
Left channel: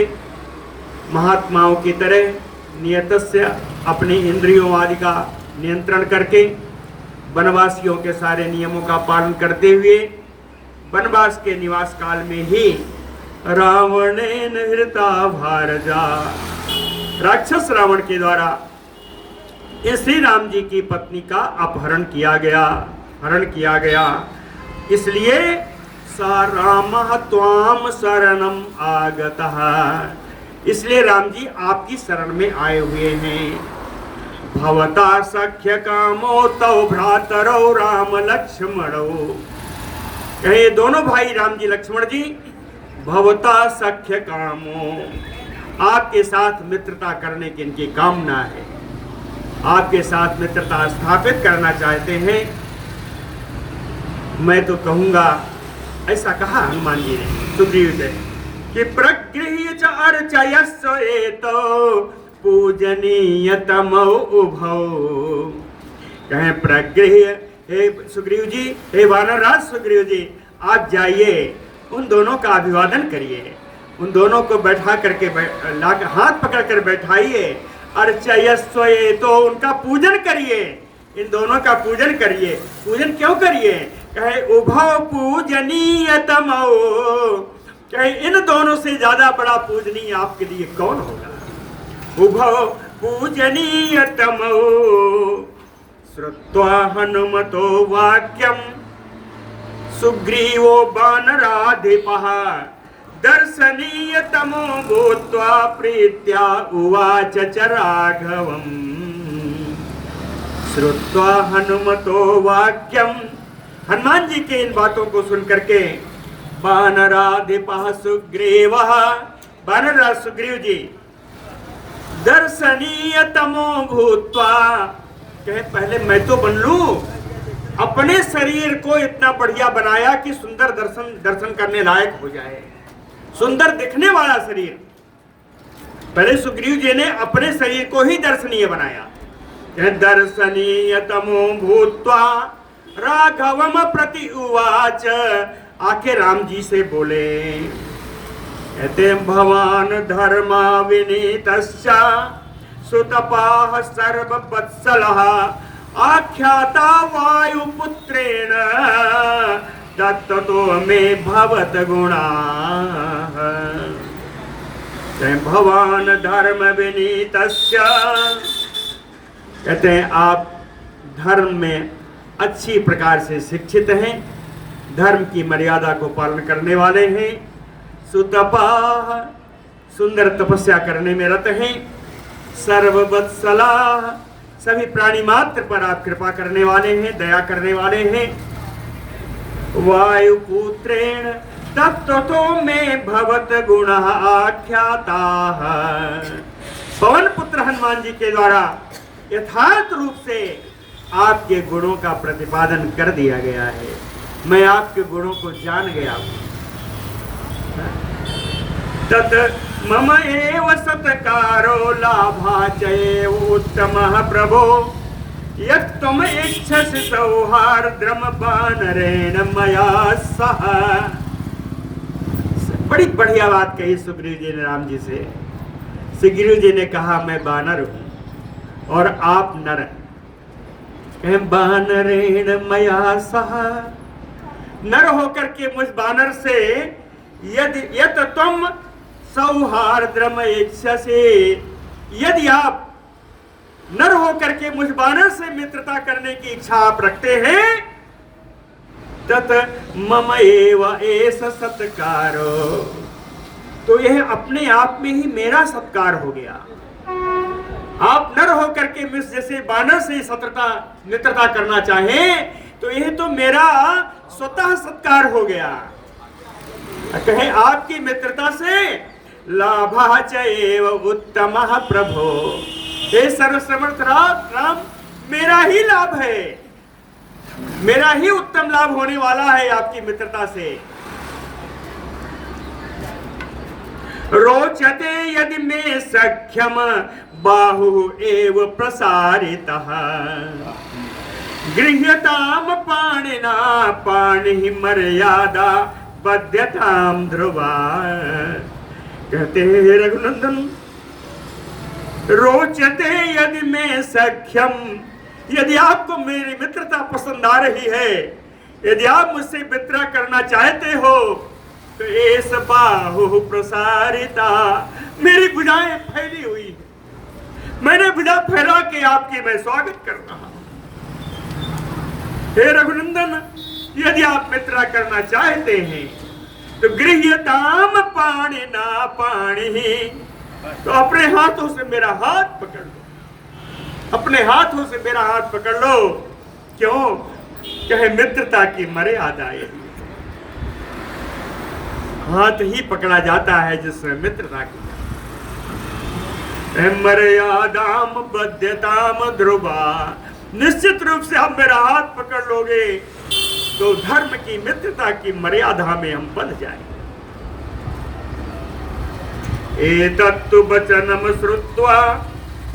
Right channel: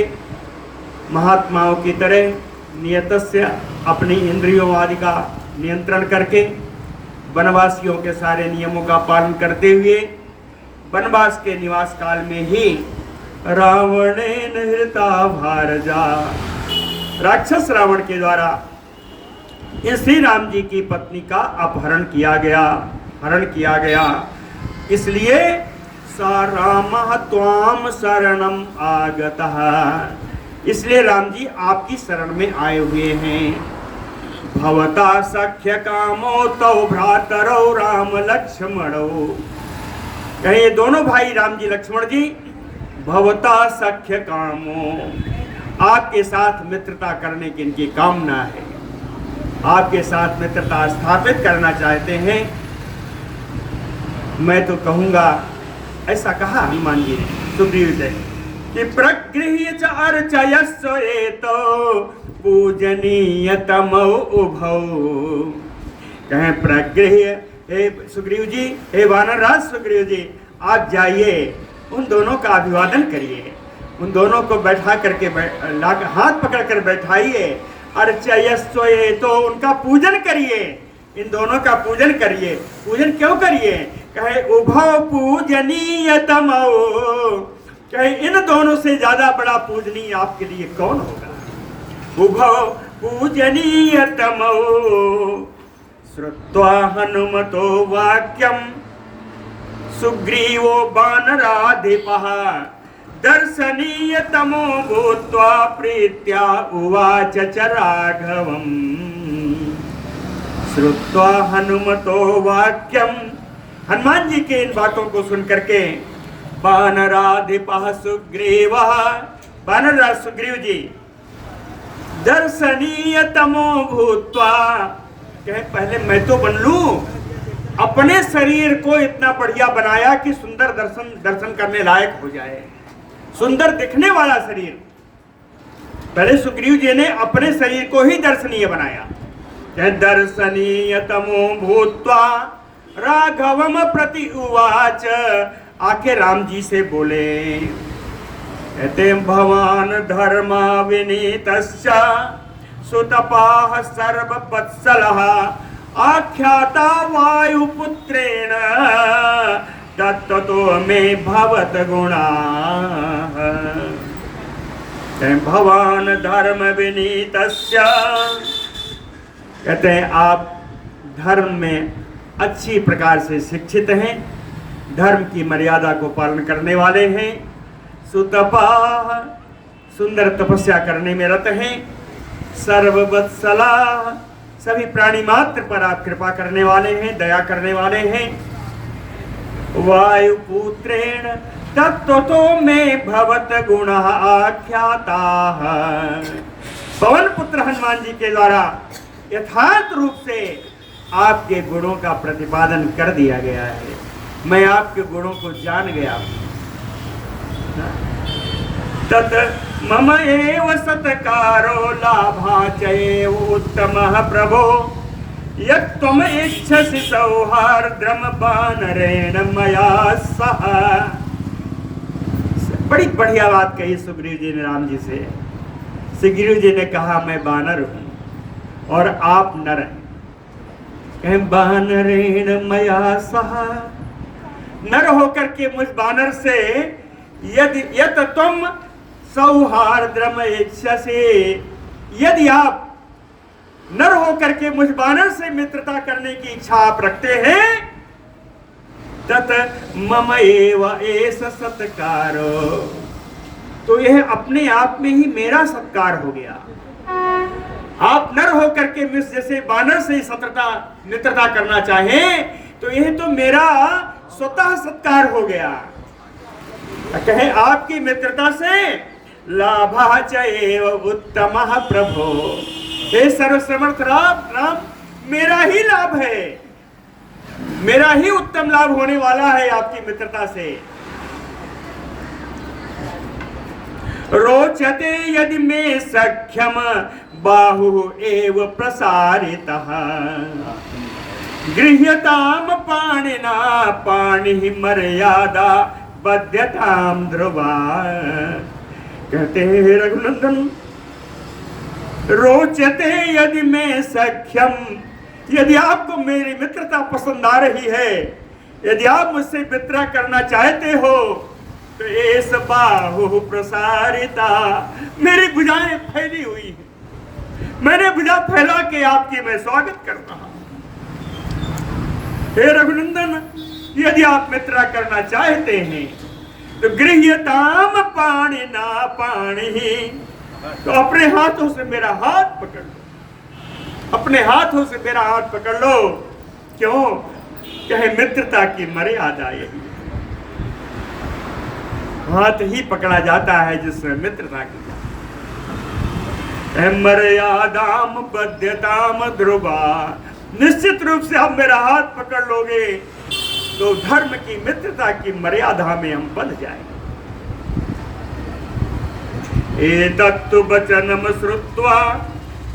महात्माओं की तरह नियतस्य, अपनी इंद्रियों आदि का नियंत्रण करके, वनवासियों के सारे नियमों का पालन करते हुए, वनवास के निवास काल में ही रावणेन हृता भारजा, राक्षस रावण के द्वारा ये श्री राम जी की पत्नी का अपहरण किया गया, हरण किया गया। इसलिए सा रामः त्वाम शरणम आगतः, इसलिए राम जी आपकी शरण में आए हुए हैं। भवता सख्य कामो तौ भ्रातरौ राम लक्ष्मणौ, कहे दोनों भाई राम जी लक्ष्मण जी, भवता सख्य कामो, आपके साथ मित्रता करने की इनकी कामना है। आपके साथ मित्रता स्थापित करना चाहते हैं। मैं तो कहूँगा, ऐसा कहा हनुमान जी ने सुग्रीव से कि प्रगृह्य च अर्चयस्व एतो पूजनीय तमो उभौ। कहें प्रगृह्य, हे सुग्रीव जी, हे वानरराज सुग्रीव जी, आप जाइए उन दोनों का अभिवादन करिए, उन दोनों को बैठा करके हाथ पकड़ कर बैठाइए। अर्चयस्व एतो, उनका पूजन करिए, इन दोनों का पूजन करिए। पूजन क्यों करिए? कहे उभौ पूजनीय तमो, कहे इन दोनों से ज्यादा बड़ा पूजनीय आपके लिए कौन होगा। उभौ पूजनीय तमो श्रुत्वा हनुमतो वाक्यम सुग्रीवो वानराधिपः दर्शनीय तमो भूत्वा प्रीत्या उवाच च राघवम्। श्रुत्वा हनुमतो वाक्यम, हनुमान जी के इन बातों को सुन करके वानराधिपः सुग्रीवः, वानरराज सुग्रीव जी दर्शनीय तमो भूत्वा, कहे पहले मैं तो बन लूं, अपने शरीर को इतना बढ़िया बनाया कि सुंदर दर्शन करने लायक हो जाए, सुंदर दिखने वाला शरीर। पहले सुग्रीव जी ने अपने शरीर को ही दर्शनीय बनाया। दर्शनीय तमो भूत्वा राघवम प्रति उवाच, आके राम जी से बोले, कहते भवान धर्मा विनीतश्च सुतपाः सर्ववत्सलः आख्याता वायुपुत्रेण तत्तो मे भवत गुणाः। भवान धर्म विनीतस्य, कहते हैं आप धर्म में अच्छी प्रकार से शिक्षित हैं, धर्म की मर्यादा को पालन करने वाले हैं। सुतपाः, सुंदर तपस्या करने में रत हैं। सर्ववत्सला, सभी प्राणी मात्र पर आप कृपा करने वाले हैं, दया करने वाले हैं। वायुपुत्रेण तत्तो में भवत गुणः आख्याताः, पवन पुत्र हनुमान जी के द्वारा यथार्थ रूप से आपके गुणों का प्रतिपादन कर दिया गया है। मैं आपके गुणों को जान गया हूं। तत् मम एव सत्कारो लाभाचये उत्तमः प्रभो यत् त्वम् इच्छसि सौहार्द्रम वानरेण मया सह। बड़ी बढ़िया बात कही सुग्रीव जी ने राम जी से। सुग्रीव जी ने कहा मैं वानर हूं और आप नर हैं। कहें वानरेण मया सह, नर होकर के मुझ वानर से यदि तुम सौहार्द्रम इच्छसे, यदि आप नर होकर के मुझ वानर से मित्रता करने की इच्छा आप रखते हैं, तत मम एव एष सत्कारो, तो यह अपने आप में ही मेरा सत्कार हो गया। आप नर होकर के मुझ जैसे वानर से मित्रता करना चाहें तो यह तो मेरा स्वतः सत्कार हो गया। कहे आपकी मित्रता से लाभाचैव उत्तमः प्रभो, हे सर्वसमर्थ राम, मेरा ही लाभ है, मेरा ही उत्तम लाभ होने वाला है आपकी मित्रता से। रोचते यदि मे सख्यम बाहु एव प्रसारितः गृह्यताम पाणिना पाणि मर्यादा बध्यताम ध्रुवा। कहते हैं रघुनंदन, रोचते यदि मैं सख्यम, यदि आपको मेरी मित्रता पसंद आ रही है, यदि आप मुझसे मित्रता करना चाहते हो तो एस बाहु प्रसारिता, मेरी भुजाएं फैली हुई है, मैंने भुजा फैला के आपकी मैं स्वागत कर रहा हूं। हे रघुनंदन, यदि आप मित्रता करना चाहते हैं तो गृह्यताम पाणिना पाणि, तो अपने हाथों से मेरा हाथ पकड़ लो, अपने हाथों से मेरा हाथ पकड़ लो। क्यों? कहे मित्रता की मर्यादा यही, हाथ ही पकड़ा जाता है जिसमें मित्रता की जाती। मर्यादाम बध्यताम ध्रुवा, निश्चित रूप से आप मेरा हाथ पकड़ लोगे तो धर्म की मित्रता की मर्यादा में हम बंध जाएंगे। एतत्तु वचनम श्रुत्वा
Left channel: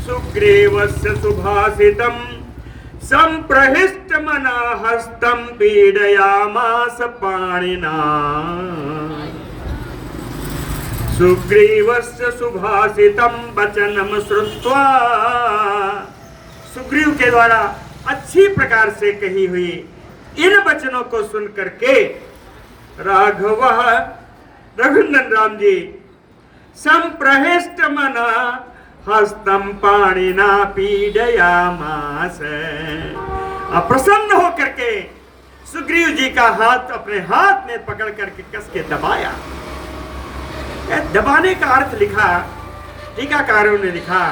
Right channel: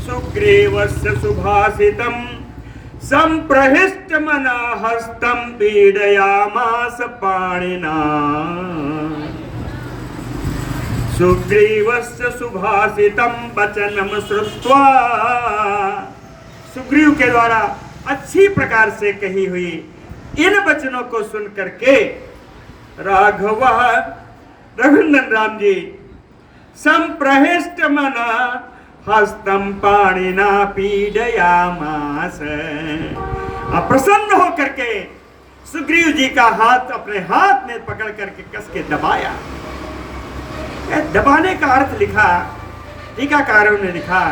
सुग्रीवस्य सुभाषितम संप्रहिष्टमना हस्तं पीडयामास पाणिना। सुग्रीवस्य सुभाषितम वचनम श्रुत्वा, सुग्रीव के द्वारा अच्छी प्रकार से कही हुई इन वचनों को सुन करके राघव रघुनंदन राम जी संप्रहिष्ट मना हस्तम पाणिना पीडयामास, प्रसन्न होकर के सुग्रीव जी का हाथ अपने हाथ में पकड़ करके कस के दबाया। दबाने का अर्थ लिखा, टीकाकारों ने लिखा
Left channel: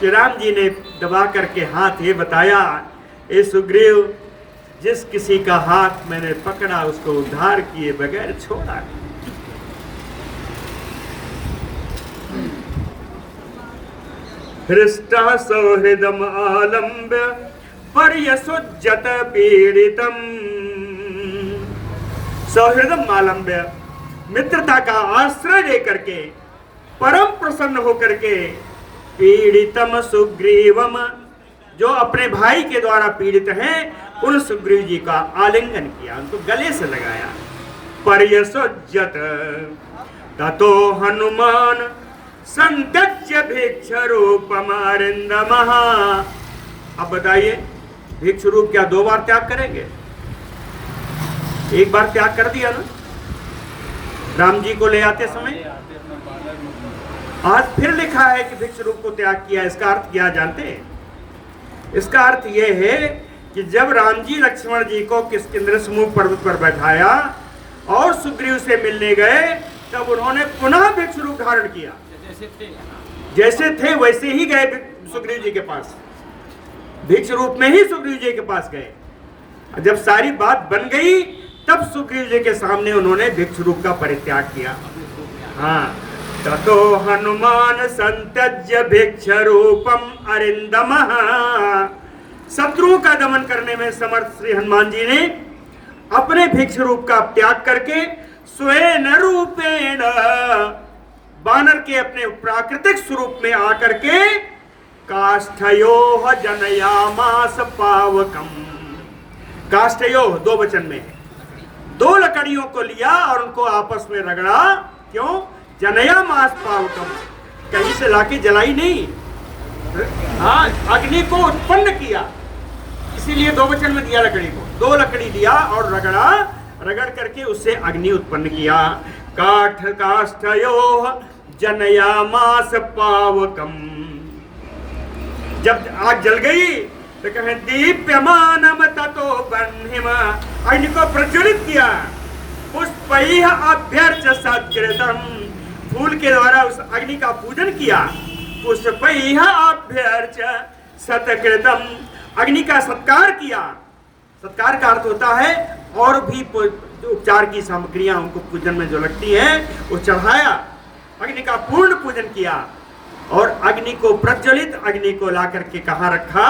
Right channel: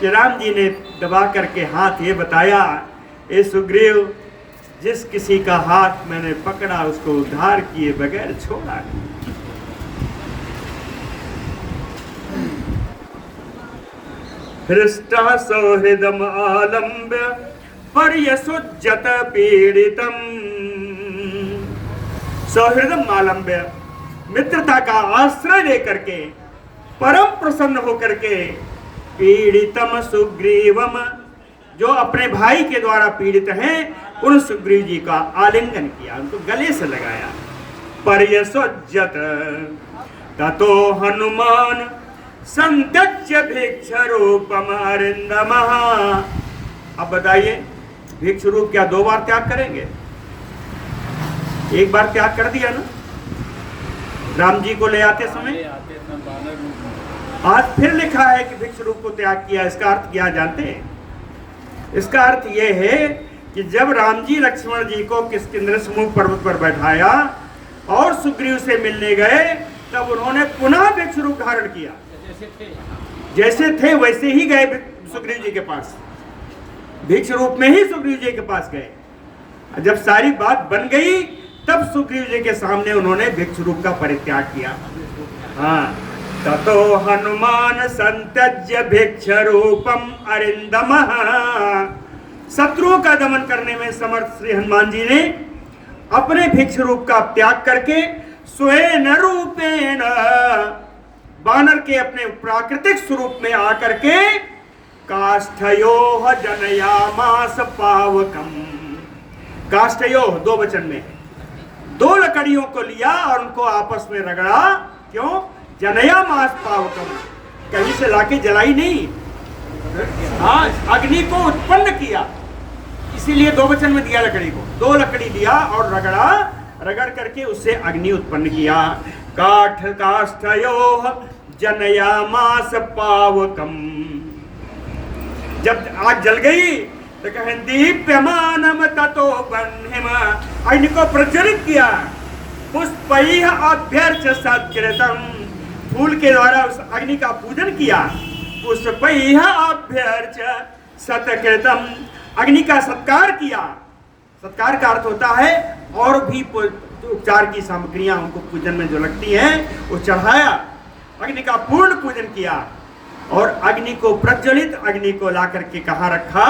कि राम जी ने दबा करके हाथ ये बताया, ए सुग्रीव, जिस किसी का हाथ मैंने पकड़ा उसको उद्धार किए बगैर छोड़ा नहीं। हृष्टा सौहृदम आलम्ब्य पर्यसुज्जत पीड़ितम। सौहृदम आलम्ब्य, मित्रता का आश्रय लेकर के परम प्रसन्न होकर के पीड़ितम सुग्रीवम, जो अपने भाई के द्वारा पीड़ित हैं, उन सुग्रीव जी का आलिंगन किया, उनको गले से लगाया। पर्यसुज्जत ततो हनुमान संत्यज्य भिक्ष रूपम अरिंदमः। अब बताइए, भिक्ष रूप क्या 2 बार त्याग करेंगे? एक बार त्याग कर दिया ना राम जी को ले आते समय, आज फिर लिखा है कि भिक्ष रूप को त्याग किया। इसका अर्थ क्या जानते हैं? इसका अर्थ यह है कि जब राम जी लक्ष्मण जी को किष्किंध्र समूह पर्वत पर बैठाया और सुग्रीव से मिलने गए, तब उन्होंने पुनः भिक्ष रूप धारण किया। जैसे थे वैसे ही गए सुग्रीव जी के पास, भिक्ष रूप में ही सुग्रीव जी के पास गए। जब सारी बात बन गई तब सुग्रीव जी के सामने उन्होंने भिक्ष रूप का परित्याग किया। हाँ, ततो हनुमान संत्यज्य भिक्ष रूपम अरिंदमः। शत्रुओं का दमन करने में समर्थ श्री हनुमान जी ने अपने भिक्ष रूप का त्याग करके स्वेन रूपेण, बानर के अपने प्राकृतिक स्वरूप में आकर के काष्ठयोः जनयामास पावकम। काष्ठयोः 2 वचन में है, 2 लकड़ियों को लिया और उनको आपस में रगड़ा। क्यों? जनयामास पावकम, कहीं से लाके जलाई नहीं, अग्नि को उत्पन्न किया, इसीलिए 2 वचन में दिया लकड़ी को। 2 लकड़ी लिया और रगड़ा, रगड़ करके उससे अग्नि उत्पन्न किया। काठ काष्ठयोः जनयामास पावकम। जब आग जल गई तो कहे दीप्यमानम ततो बह्निम, अग्नि को प्रज्वलित किया। पुष्पैः अभ्यर्च सत्कृतम, फूल के द्वारा उस अग्नि का पूजन किया। पुष्पैः अभ्यर्च सत्कृतम, अग्नि का सत्कार किया। सत्कार का अर्थ होता है और भी उपचार की सामग्रियां उनको पूजन में जो लगती हैं वो चढ़ाया। अग्नि का पूर्ण पूजन किया और अग्नि को, प्रज्वलित अग्नि को ला करके कहाँ रखा?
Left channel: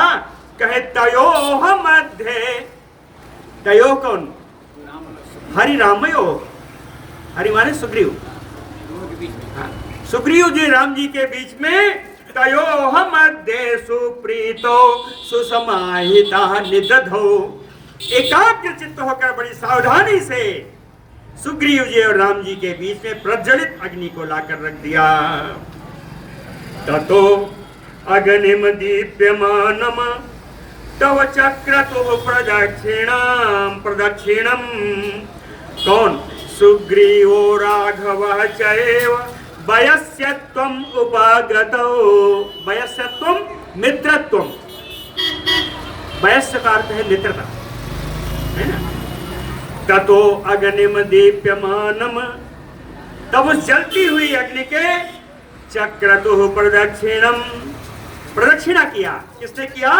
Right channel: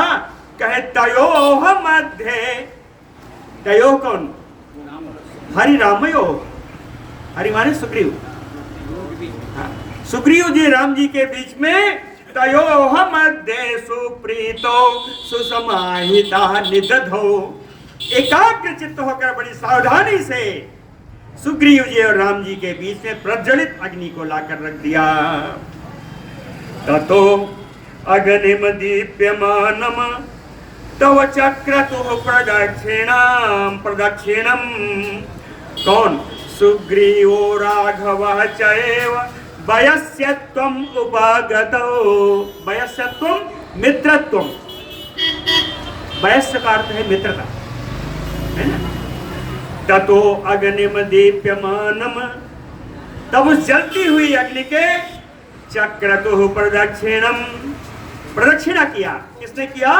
कहे तयोः मध्य। तयोः कौन? हरि रामयोः, हरि माने सुग्रीव। सुग्रीव जी राम जी के बीच में तयोः मध्ये सुप्रीतो सुसमाहिता निदधो, एकाग्र चित्त होकर बड़ी सावधानी से सुग्रीव जी और राम जी के बीच में प्रज्वलित अग्नि को लाकर रख दिया। ततो अग्निम दीप्यमानम तव चक्रतुः प्रदक्षिणम। कौन? सुग्रीवो राघवः चैव वयस्यत्वम् उपागतो। वयस्यत्वम् मित्रत्वम्, वयस्य का अर्थ है मित्रता, है ना? ततो अग्निम दीप्यमानम, तब उस जलती हुई अग्नि के चक्रतुः प्रदक्षिणम, प्रदक्षिणा किया। किसने किया?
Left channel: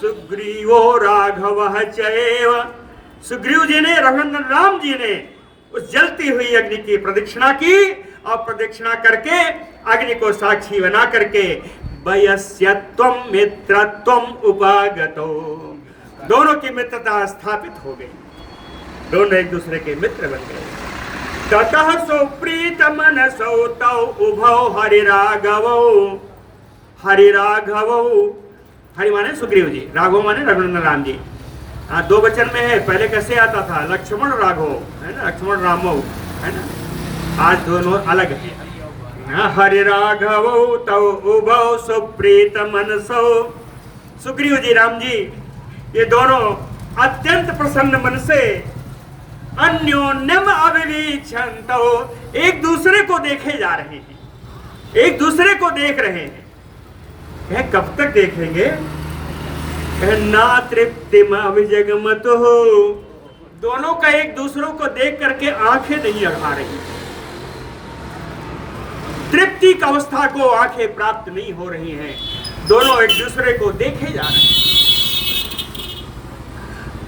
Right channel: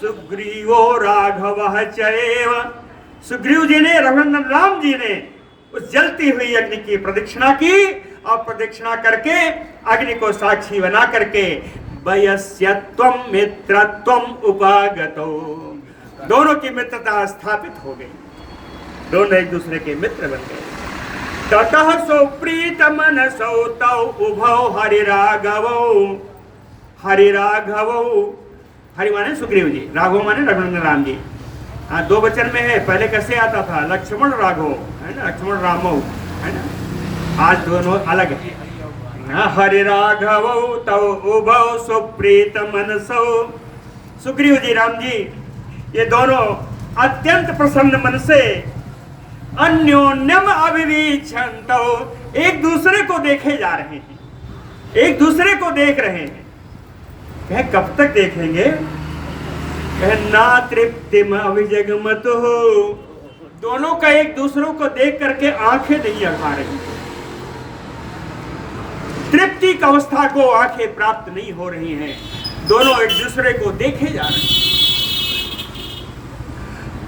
सुग्रीवो राघवः चैव, सुग्रीव जी ने, रघुनंदन राम जी ने उस जलती हुई अग्नि की प्रदक्षिणा की और प्रदक्षिणा करके अग्नि को साक्षी बना करके वयस्यत्वम मित्रत्वम उपागतो, दोनों की मित्रता स्थापित हो गई, दोनों एक दूसरे के मित्र बन गए। ततः सुप्रीत मनसौ तौ उभौ हरिराघवौ, हरिराघवौ, हरि माने सुग्रीव जी, राघव माने रघुनंदन राम जी। हाँ, दो वचन में है, पहले कैसे आता था लक्ष्मण राघव, है ना, लक्ष्मण रामौ, है ना, आज दोनों अलग है। हरि राघवौ तौ उभौ सुप्रीत मनसौ, सुग्रीव जी राम जी ये दोनों अत्यंत प्रसन्न मन से अन्योन्यम अविवीक्षन्तौ, एक दूसरे को देखे जा रहे हैं, एक दूसरे को देख रहे हैं। कह कब तक देखेंगे? कह ना तृप्तिम अभिजगमतु, दोनों का एक दूसरों को देख करके आंखें नहीं अघा रही, तृप्ति की अवस्था को आंखें प्राप्त नहीं हो रही हैं, दोनों एक दूसरे को देखे जा रहे हैं।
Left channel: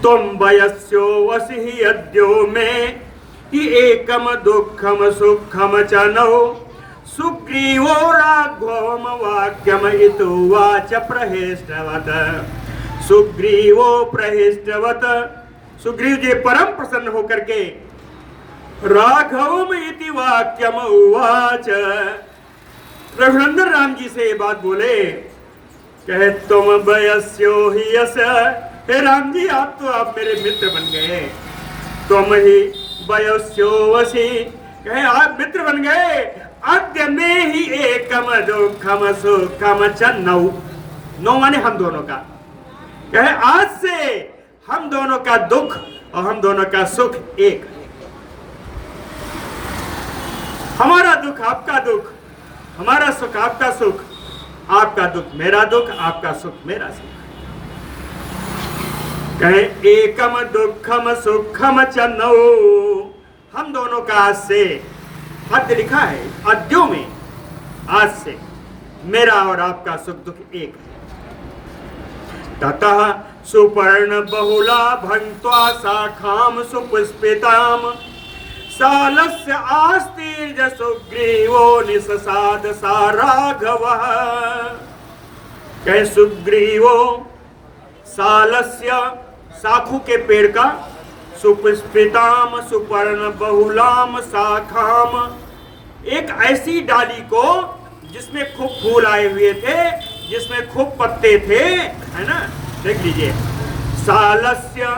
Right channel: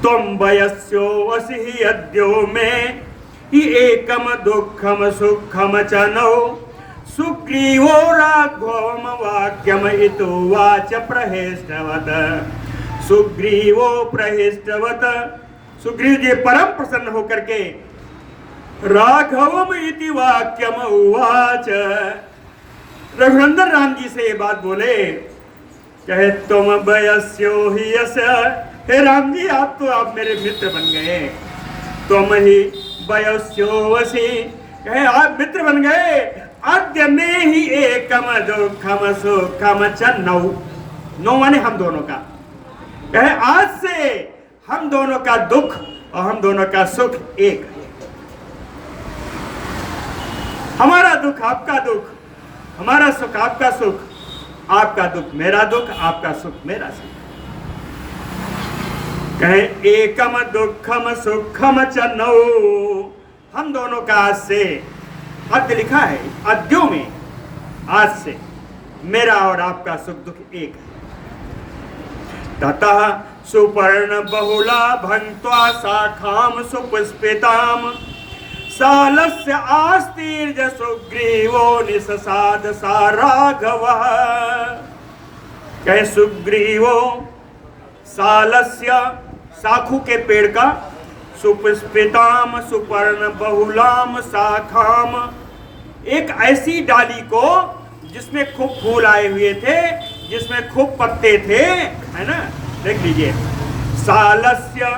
तुम वयस्यो वसी अद्यो में हि एकम दुःखम सुखम चनौ, सुग्रीवो राघवम वाक्यम इतुवाच प्रहिष्टवत, सुग्रीवो प्रहिष्टवत, सुग्रीव जी परम प्रसन्न होकर के राघवम इति वाक्यम उवाच, रघुनंदन राम जी से ये बात बोले। कहे तुम वयस्यो ही यस, हे राम जी आप मेरे मित्र बन गए, तुम ही वयस्यो वसी, कहे आप मित्र बन गए। अद्य में ही एकम दुखम सुखम च नौ, नौ माने हम दोनों का, कहे आज से हम दोनों का दुख और हम दोनों का सुख एक, हमारा दुख आपका दुख, हमारा सुख आपका सुख, आपका दुख मेरा दुख, आपका सुख मेरा सुख। कहे एकम दुखम सुखम च नौ, हम दोनों का आज से, अद्य लिखा है अद्यों में, आज से मेरा और आपका सुख दुख एक है। ततः सुपर्ण बहुला भंक्त्वा शाखाम सुपुष्पिताम, सालस्य आस्तीर्ज सुग्रीवो निससाद सा राघवः, कहे सुग्रीवो सालस्य साखू के पेड़ का, सुपुष्पिताम सुपर्ण बहुलाम शाखाम, एक ऐसी डाली को जिसमें खूब फूल आए हुए थे, जिसमें खूब पत्ते थे, है ना, देख लीजिए, सालस्य,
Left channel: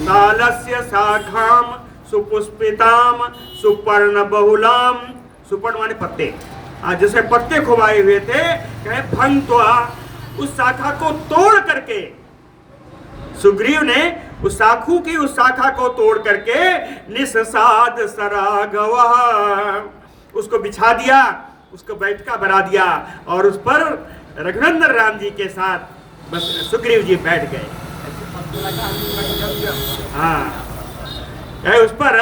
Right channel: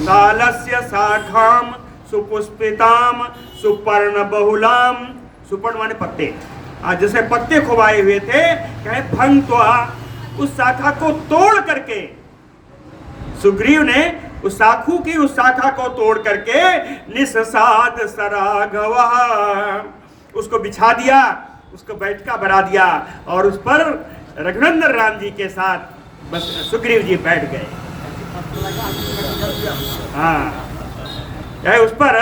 सालस्य शाखाम सुपुष्पिताम सुपर्ण बहुलाम, सुपर्ण माने पत्ते, जिसमें पत्ते खूब आए हुए थे। कहे भंक्त्वा, उस शाखा को तोड़ करके, सुग्रीव ने उस साखू की उस शाखा को तोड़ करके निससाद सराघवः, उसको बिछा दिया, उसको बैठका बना दिया और उस पर रघुनंदन राम जी के साथ बस सुग्रीव जी बैठ गए। हाँ, उस पर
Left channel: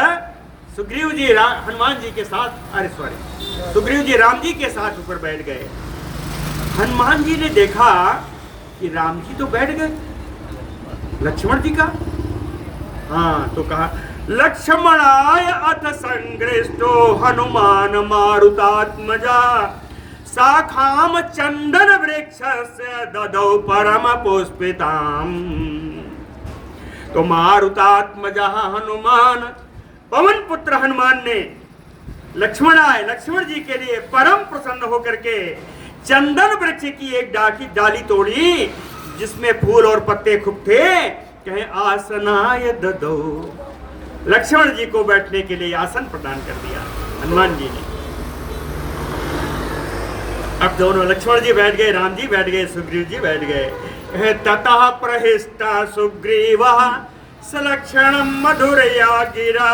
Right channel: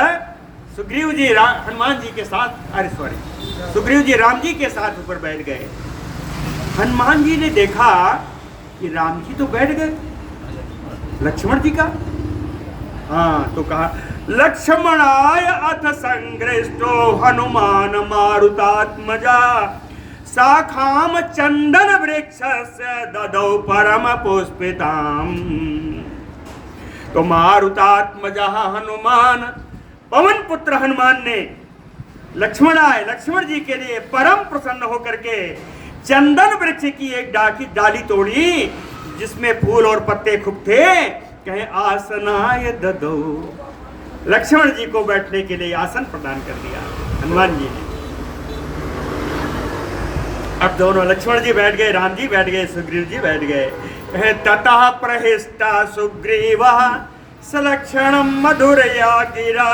सुग्रीव जी हनुमान जी के साथ, अरे सॉरी, सुग्रीव जी राम जी के साथ ऊपर बैठ गए। हनुमान जी ने देखा कि राम जी तो बैठ गए, लक्ष्मण जी का, हाँ, तो कहा लक्ष्मणाय अथ संग्रष्टो हनुमान मारुतात्मजा, शाखाम चंदन वृक्षस्य ददौ परम पुष्पिताम। तो मारुतात्मजा हनुमान, पवन पुत्र हनुमान ने लक्ष्मणाय, लक्ष्मण जी के लिए परम प्रसन्न होकर के चंदन वृक्ष की एक डाली तोड़ी जिसमें फूल और पत्ते खूब थे। कहे आसनाय ददौ, लक्ष्मण जी को बैठने के लिए आसन प्रदान कर दिया हनुमान जी ने। अब दोनों लक्ष्मण जी बैठ गए, राम जी बैठ गए, सुग्रीव जी बैठ गए। कहे ततः प्रहिष्टा सुग्रीवः सलक्षणं मधुरया गिरा,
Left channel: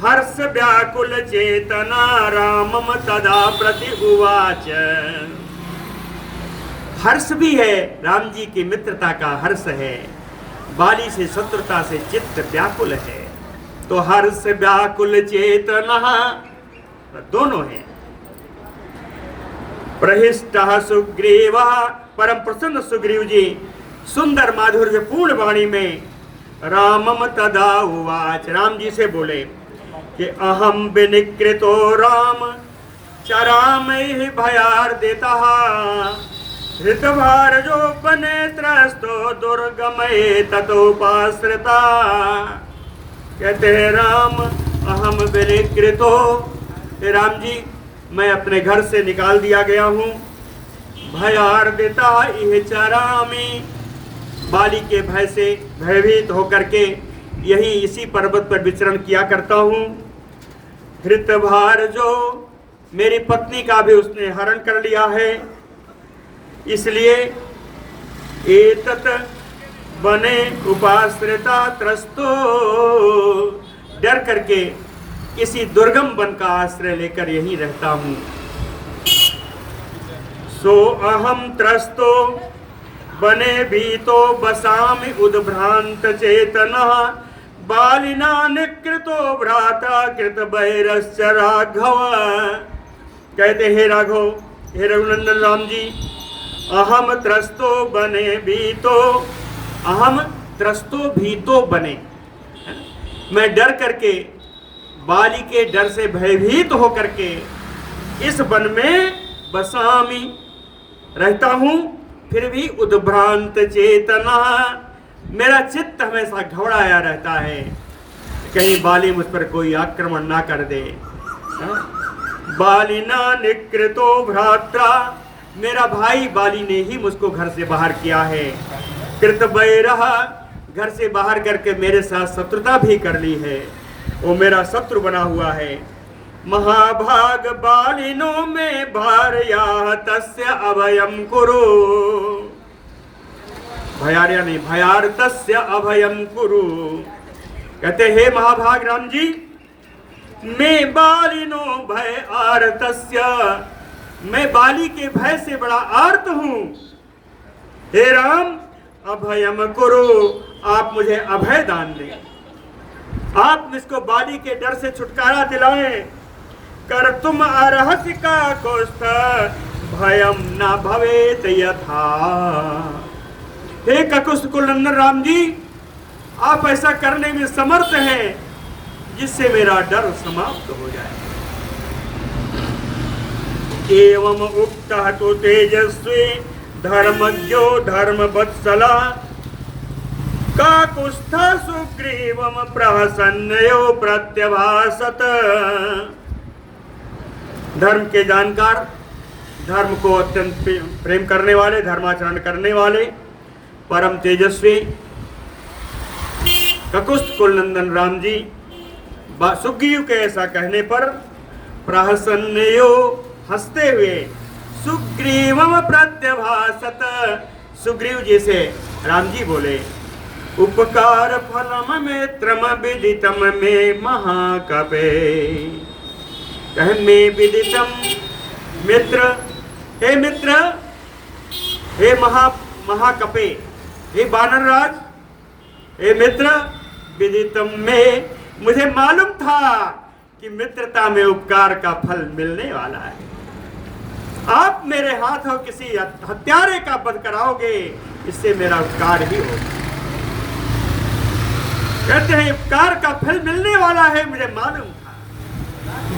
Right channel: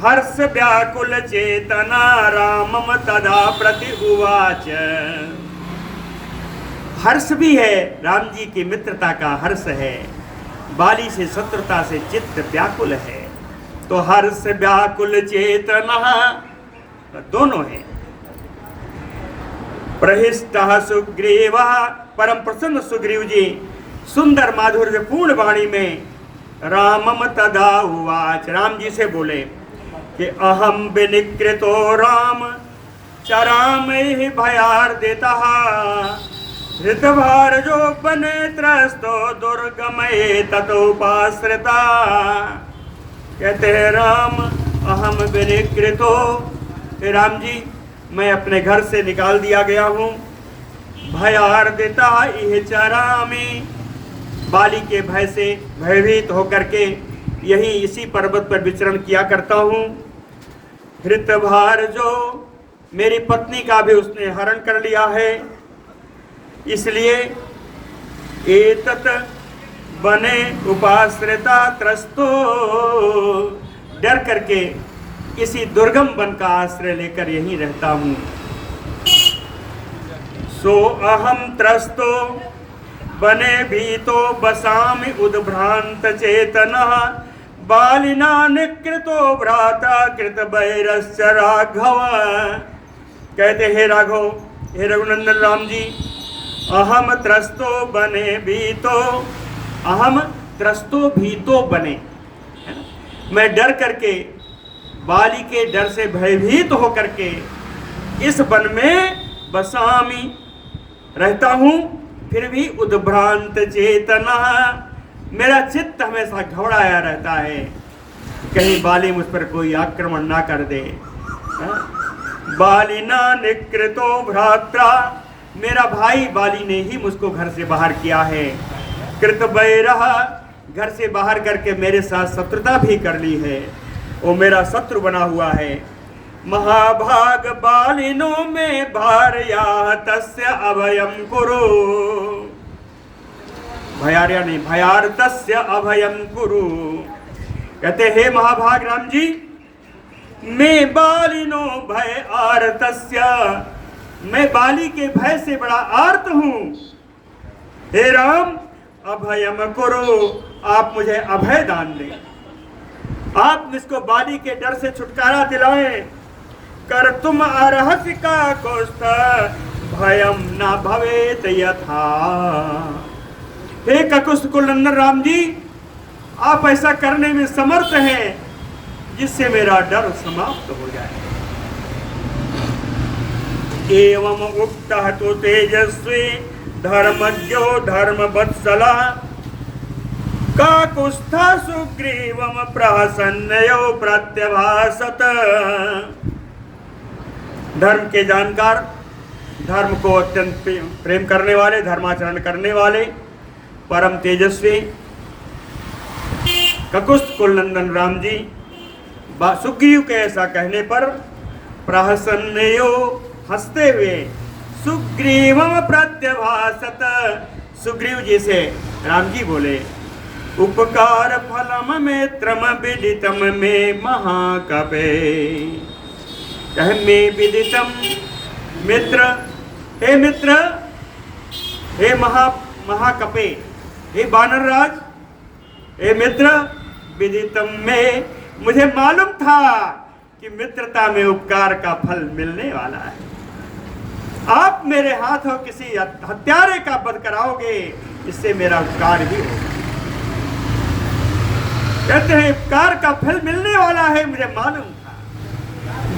हर्ष व्याकुल चेतना रामम तदा प्रति उवाच। हर्ष भी है, राम जी की मित्रता का हर्ष है, बाली से शत्रुता से चित्त व्याकुल है, तो हर्ष व्याकुल चेतना दोनों है। प्रहिष्टः सुग्रीवः, परम प्रसन्न सुग्रीव जी सुंदर माधुर्य पूर्ण वाणी में रामम तदा उवाच, राम जी से बोले। कि अहम विनिकृतो राम चराम ही भयार देता हृतभार जो बने त्रस्तो दुर्गमय ततोपाश्रिता। कहते हैं राम अहम विनिकृतो, हे राम जी मैं अपने घर से निकाल दिया गया हूँ। भयार देता यह चरामी, बाली के भय से भयभीत होकर के यही इसी पर्वत पर विचरण किया करता हूँ। हृतभार जो, मेरी पत्नी का भी उसने हरण कर लिया है, इसलिए एतत बने उपाश्रिता त्रस्तो, डर करके किसी दुर्गम वन का आश्रय लेकर यहीं रहता हूँ। सो अहम त्रस्तो बने भीतो बसामि उद्भ्रांत चेतना बालिना निकृतो भ्राता कृत बैरश्च राघव। कहते हे राघव, हे रघुनंदन राम जी, अहम त्रस्तो बने भीतो, अहम त्रस्तो भीतो बने, मैं डर करके बाली के डर से भयभीत होकर के इस वन में बसामी रहता हूँ। फिर भी उद्भ्रांत चेतना, मेरा चित्त हमेशा घबराया रहता है, कहीं बाली मुझ पर कोई आक्रमण ना कर दे। बालिना निकृतो भ्रात्रा, मेरा भाई बाली ने ही मुझको घर से बाहर किया है। कृत बैरह, घर से बाहर करके मेरे साथ शत्रुता भी कर ली है, वो मेरा शत्रु बना हुआ है। महाभाग बालिनो में भार्या तस्य अभयम कुरु, भयार्या नहीं भयार तस्य अभयम कुरु। कहते हे महाभाग राम जी, मैं बालिनो भय आर्तस्य, मैं बाली के भय से बड़ा आर्त हूँ। हे राम अभयम कुरु, आप मुझे अभय दान दें, आप मुझको बाली के डर से छुटकारा दिलाएं। कर तुम अर्हसि का कोष्ठ भयम न भवेत यथा। हे ककुस्थ कुलंदन राम जी, आप ऐसा करने में समर्थ हैं जिससे मेरा डर समाप्त हो जाए। एवं उक्तः तो तेजस्वी धर्मज्ञो धर्मवत्सला काकुस्था सुग्रीवम प्रहसन्नयो प्रत्यभासत। धर्म के जानकार, धर्म को अत्यंत प्रेम करने वाले, धर्माचरण करने वाले, परम तेजस्वी ककुस्थ कुलनंदन राम जी सुग्रीव के ऐसा कहने पर प्रहसन्नयो, हंसते हुए, सुग्रीवम प्रत्यभासत, सुग्रीव जी से राम जी बोले, उपकार फलम मित्रम विदितम में महाकपे। कह में विदितम, मित्र, हे मित्र, हे महाकपे, हे बानरराज, हे मित्र, विदितम में, मुझे मालूम था कि मित्रता में उपकार का फल मिलने वाला है। आप मेरे हाथों किसी हत्यारे का वध कराओगे, इससे मेरा उपकार ही होगा। कहते हैं उपकार का फल मिलने वाला है, मुझे मालूम था।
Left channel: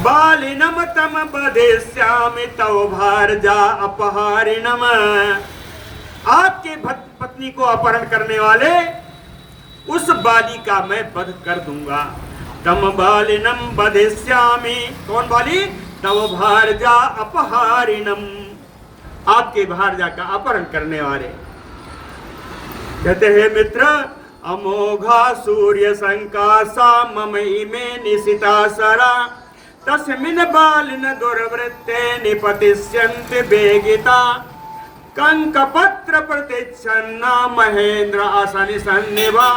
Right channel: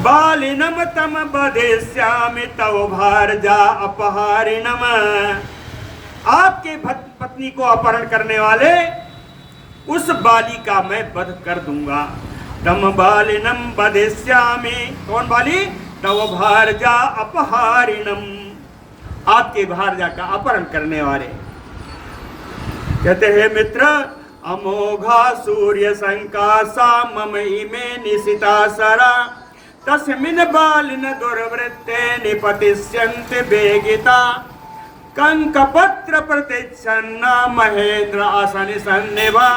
बालिनम तम बधेस्यामि तव भारजा अपहारिणम, आपके पत्नी को अपहरण करने वाले उस बाली का मैं वध कर दूंगा। तम बालिनम बधेस्यामि, कौन बाली? तव भारजा अपहारिणम, आपके भारजा का अपहरण करने वाले। कहते हैं मित्र, अमोघा सूर्य संकासा मम इमे निशिता सरा तस्मिन् बालिन दुर्वृत्ते निपतिष्यन्ति वेगिता कंकपत्र प्रतिच्छन्ना महेंद्र आसनि सन्निभा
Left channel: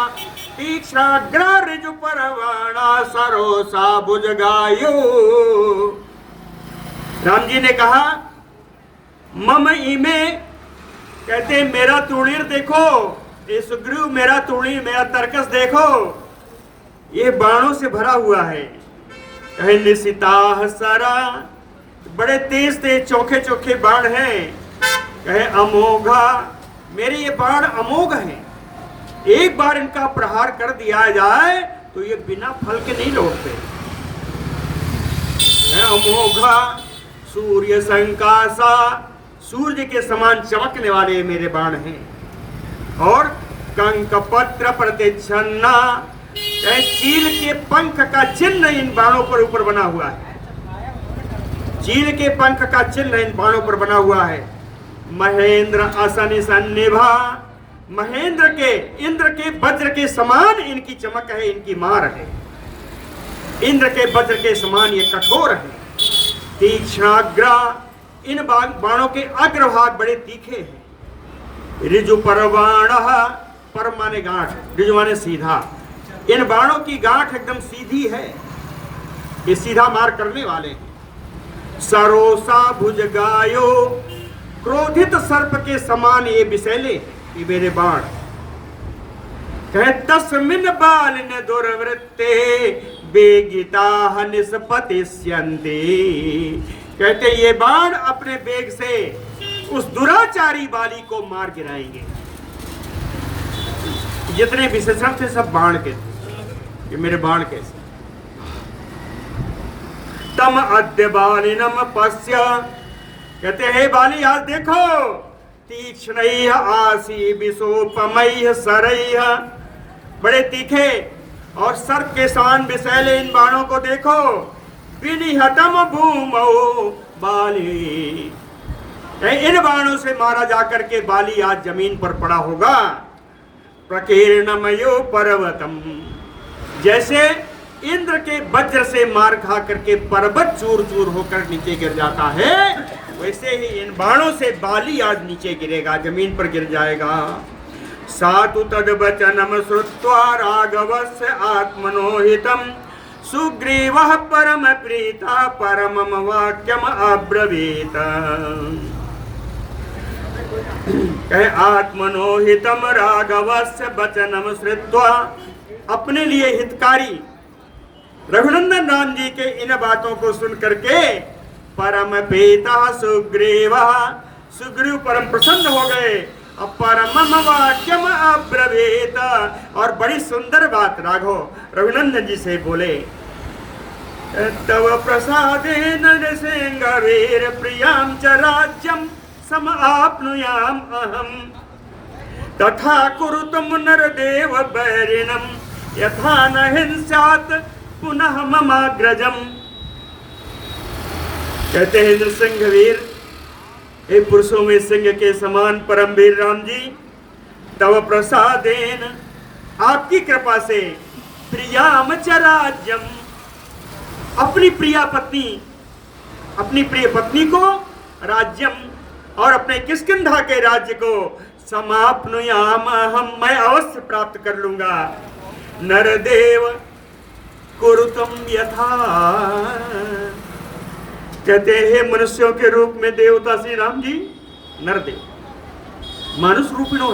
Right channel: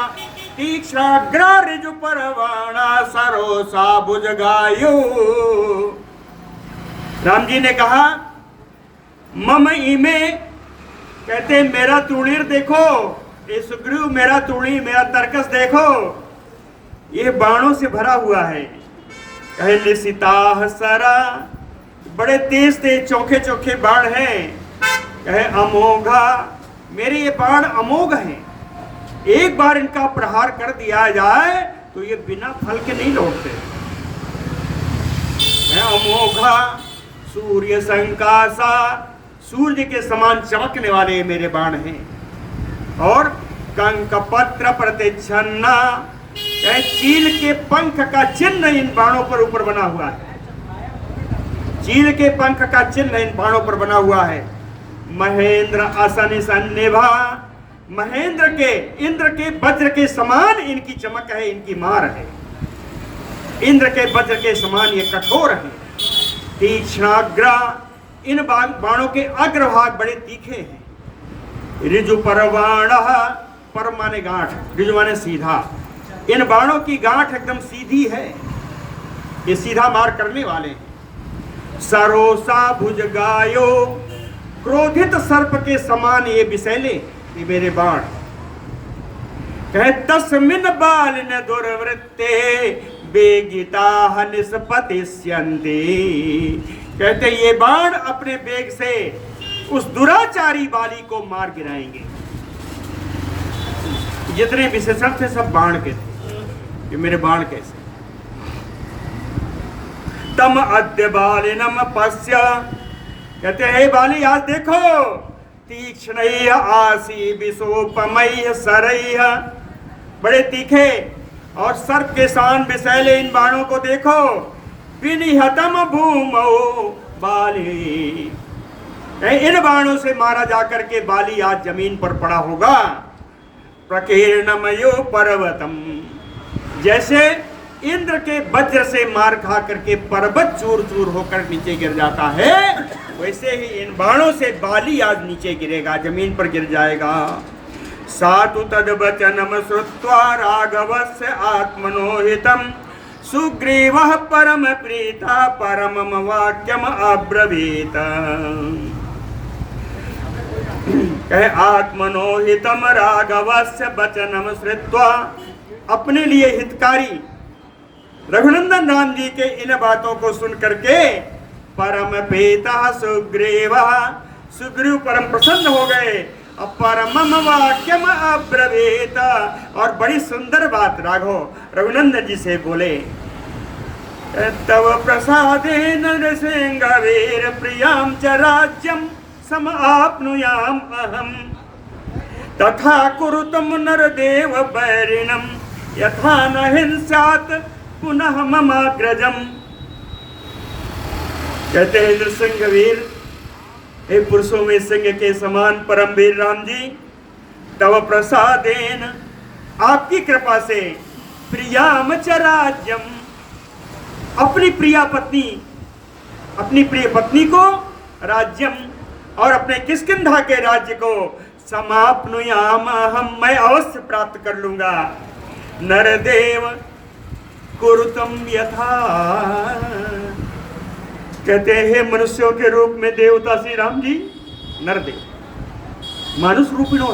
तीक्ष्णाग्रा ऋजु परवाणा सरोसा भुजगायु। राम जी ने कहा मम इमे, कहते मेरा तुणीर देखो, ये सुग्रीव मेरा तुणी, मेरा तरकस देखो, ये बाणों से भरा हुआ है। कहे निशिता सरा, बड़े तेज तेज चोखे चोखे बाण हैं। कहे अमोघा, मेरे ये बाण अमोघ हैं, एक बार इनका प्रहार कर दिया जाए तो ये बिना फल के नहीं लौटते। अमोघा सूर्य संकासा, सूर्य के समान चमकने वाले मेरे बाण हैं। और कंक पत्र प्रतिच्छन्ना, चील के पंख का चिन्ह इन बाणों पर ऊपर बना हुआ है। चील के पंख का चिन्ह इन बाणों पर बना हुआ है। महेंद्र आसन सन्निभा, महेंद्र के इंद्र के वज्र के समान इनकी चमक है, इनकी मार है। इंद्र के वज्र के समान ये कठोर है। तीक्ष्णाग्रा, इन बाणों के अग्रभाग बड़े तीखे हैं। ऋजु परबाण, पर माने गांठ, ऋजु माने सीधा। इन बाणों की गांठ एकदम सीधी है, ये सीधा मार करने वाले हैं। सरोसा भुजगायो, क्रोधित सर्प के समान ये विषैले, ये मेरे बाण। कहे तस्मिन बाल न दुर्वृत्ते बेगिता निष्पतिष्यन्ते, कहते ये बाण अपने बेग से उस दुराचारी बाली को मार गिराएंगे। जितने विशेषण थे सब बाण के थे, ये मेरे बाण कैसे। तम अद्य बालिनम पश्य, कहते हैं बाली आज देखो, तीक्ष्ण आसी विशोपमय सरैः, बड़े तीखे और सर्प के समान विषैले इन बाणों को देखो। विनिहतम भूमौ बाली, इन बाणों से मारा जाकर के बाली आज जमीन पर पड़ा होगा। प्रकीर्णमयो पर्वतम, जैसे इंद्र के वज्र से मार खा करके पर्वत चूर चूर होकर नीचे गिर जाता है, वैसे ही इन बाणों से बाली आज नीचे गिरेगा, जमीन पर गिर जाएगा। सातु तद्वचनम श्रुत्वा राघवस्य आत्मनोहितम, सुग्रीवः परम प्रीता परमम वाक्यम अब्रवीत। कहे आत्मनोहितम राघवस्य वचनम श्रुत्वा, अपने लिए हितकारी रघुनंदन राम जी के इन बातों को सुन करके परम प्रीता सुग्रीव, सुग्रीव परम प्रसन्न हो गए। परमम वाक्यम अब्रवीत, और बड़ी सुंदर बात राघव रघुनंदन जी से बोले। तव प्रसादेन नृसिंहवीर प्रियाम च राज्यम समाप्नुयाम अहम, तथा कुरुतम नरदेव बैरिणम यथा न हिंस्यात् पुनः ममाग्रजम। कहते हैं नृसिंहवीर, हे पुरुषों में सिंह के समान परम वीर राम जी, तव प्रसादेन, आपकी कृपा से, प्रियाम च राज्यम, अपनी प्रिया पत्नी, अपनी प्रिय पत्नी को राज्यम और अपने किष्किंधा के राज्य को समाप्नुयाम हम, मैं अवश्य प्राप्त कर लूंगा। नरदेव कुरुतम यथा, कहते हैं मनुष्यों के रूप में देवता श्री राम जी नरदेव, मनुष्य रूपिणो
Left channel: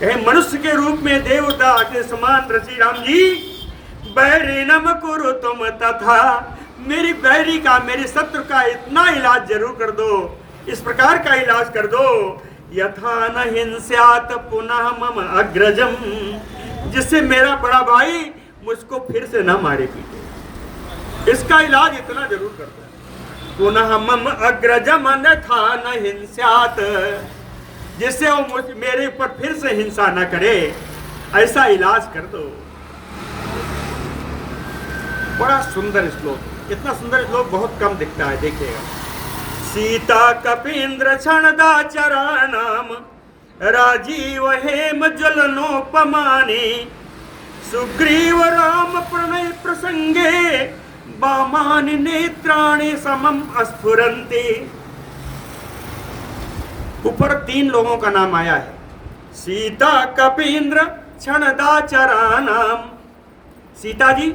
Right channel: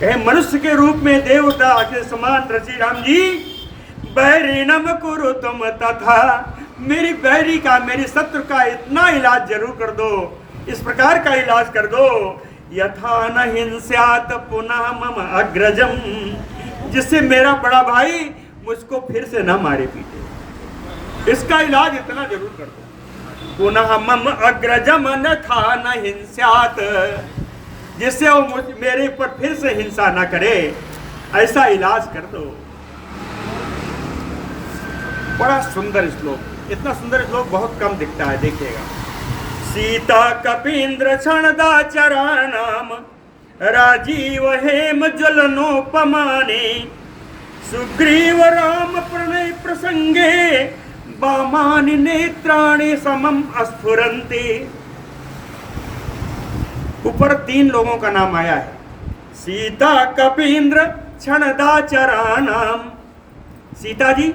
है, मनुष्य के रूप में देवता के समान श्री राम जी। बैरिणम कुरुतम तथा, मेरी बैरी का, मेरे शत्रु का इतना इलाज जरूर कर दो, इस प्रकार का इलाज कर दो। यथा न हिंस्यात पुनः मम अग्रजम, जिससे मेरा बड़ा भाई मुझको फिर से न मारे पीटे, इसका इलाज इतना जरूर कर दो। पुनः मम अग्रजम अन्यथा न हिंस्यात, जिससे वो मेरे ऊपर फिर से हिंसा न करे, ऐसा इलाज कर दो। बड़ा सुंदर श्लोक, इतना सुंदर श्लोक बहुत कम दिखता है, देखिएगा। सीता कपींद्र क्षणदाचराणाम राजीव हेम ज्वलनोपमाने, सुग्रीव राम प्रणय प्रसंगे वामानि नेत्राणि समम अस्फुरन्ति। ऊपर 3 लोगों का नाम आया है, सीता कपींद्र क्षणदाचराणाम, सीता जी,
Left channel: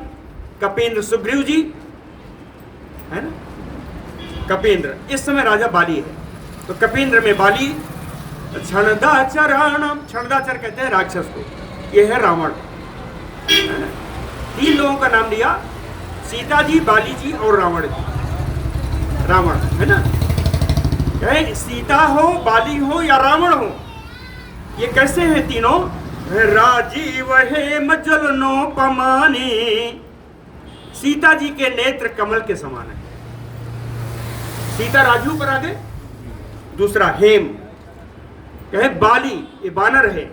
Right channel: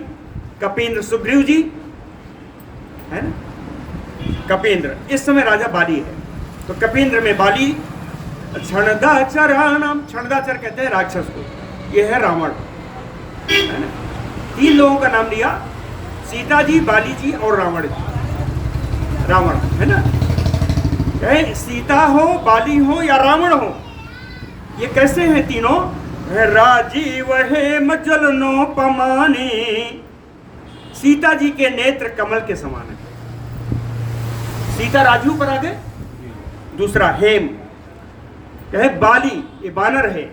कपींद्र सुग्रीव जी, है ना। कपींद्र इस समय राजा बाली है, तो कपींद्र में बाली। क्षणदाचराणाम, क्षणदाचर कहते हैं राक्षस को, ये है रावण, है ना। 3 लोगों का नाम दिया, सीता जी, बाली जी और रावण जी, रावण, है ना। चाहे सीता हो, बाली हो या रावण हो, ये कैसे हैं तीनों। राजीव हेम ज्वलनोपमाने, सीता जी के नेत्र कमल के समान है। सीता राजू पर आ गए। दूसरा हेम, कहे बाली, ये बानर है,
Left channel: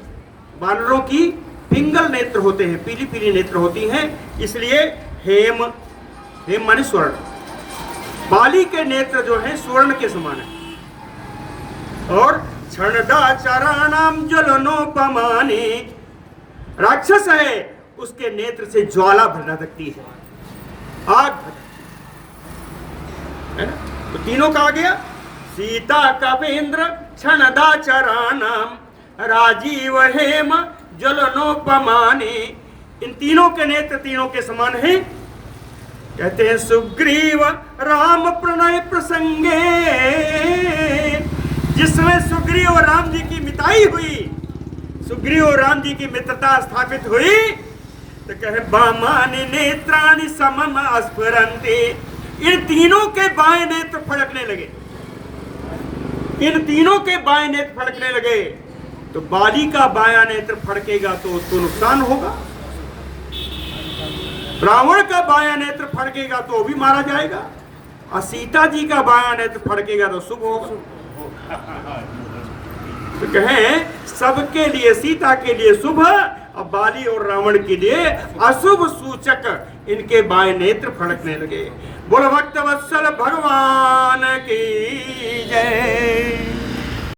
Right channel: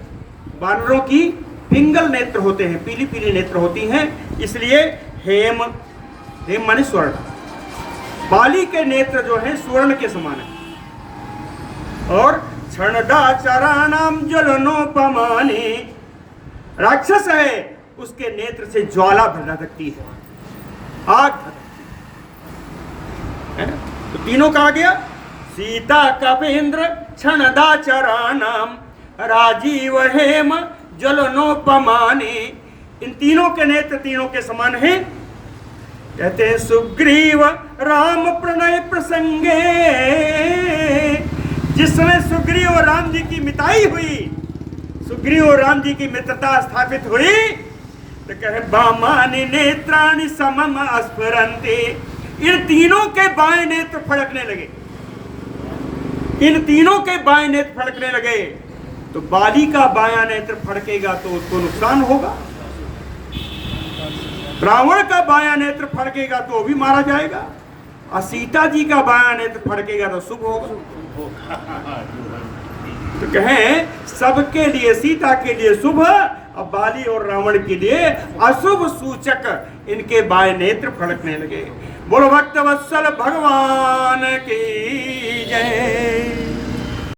बानरों की पिंगल नेत्र होते हैं, पीली पीली नेत्र होती हैं, इसलिए हेम, हेम माने स्वर्ण। बाली के नेत्र जो है स्वर्ण के समान है। और क्षणदाचराणाम ज्वलनोपमाने, राक्षस है, उसके नेत्र से ज्वाला भड़कती है, आग भड़कती है ना। तो तीनों का आ गया, सीता कवेंद्र क्षणदाचराणाम राजीव हेम ज्वलनोपमाने। इन तीनों के नेत्र तीनों के समान हैं। कहते हैं सुग्रीव राम प्रणय प्रसंगे, जिसमें सुग्रीव और राम जी की मिताई हुई, सुग्रीव और राम जी की मित्रता स्थापित हुई, तो कहे बामानि नेत्राणि समम स्फुरन्ति। इन तीनों के बाएं नेत्र फड़कने लगे, इन तीनों के बाएं नेत्र फड़कने लगे। तो बाली का बायां नेत्र फड़केगा तो उसको नुकसान होगा, रावण का बायां नेत्र फड़केगा तो भी मारा जाएगा, और सीता जी का बायां नेत्र फड़केगा तो शुभ होगा। तो कहें सबके लिए, सीता के लिए शुभ, और बाली और रावण के लिए अशुभ सूचक इनके बाएं नेत्र फड़कने लगे। बोलो भक्त वत्सल भगवान की जय।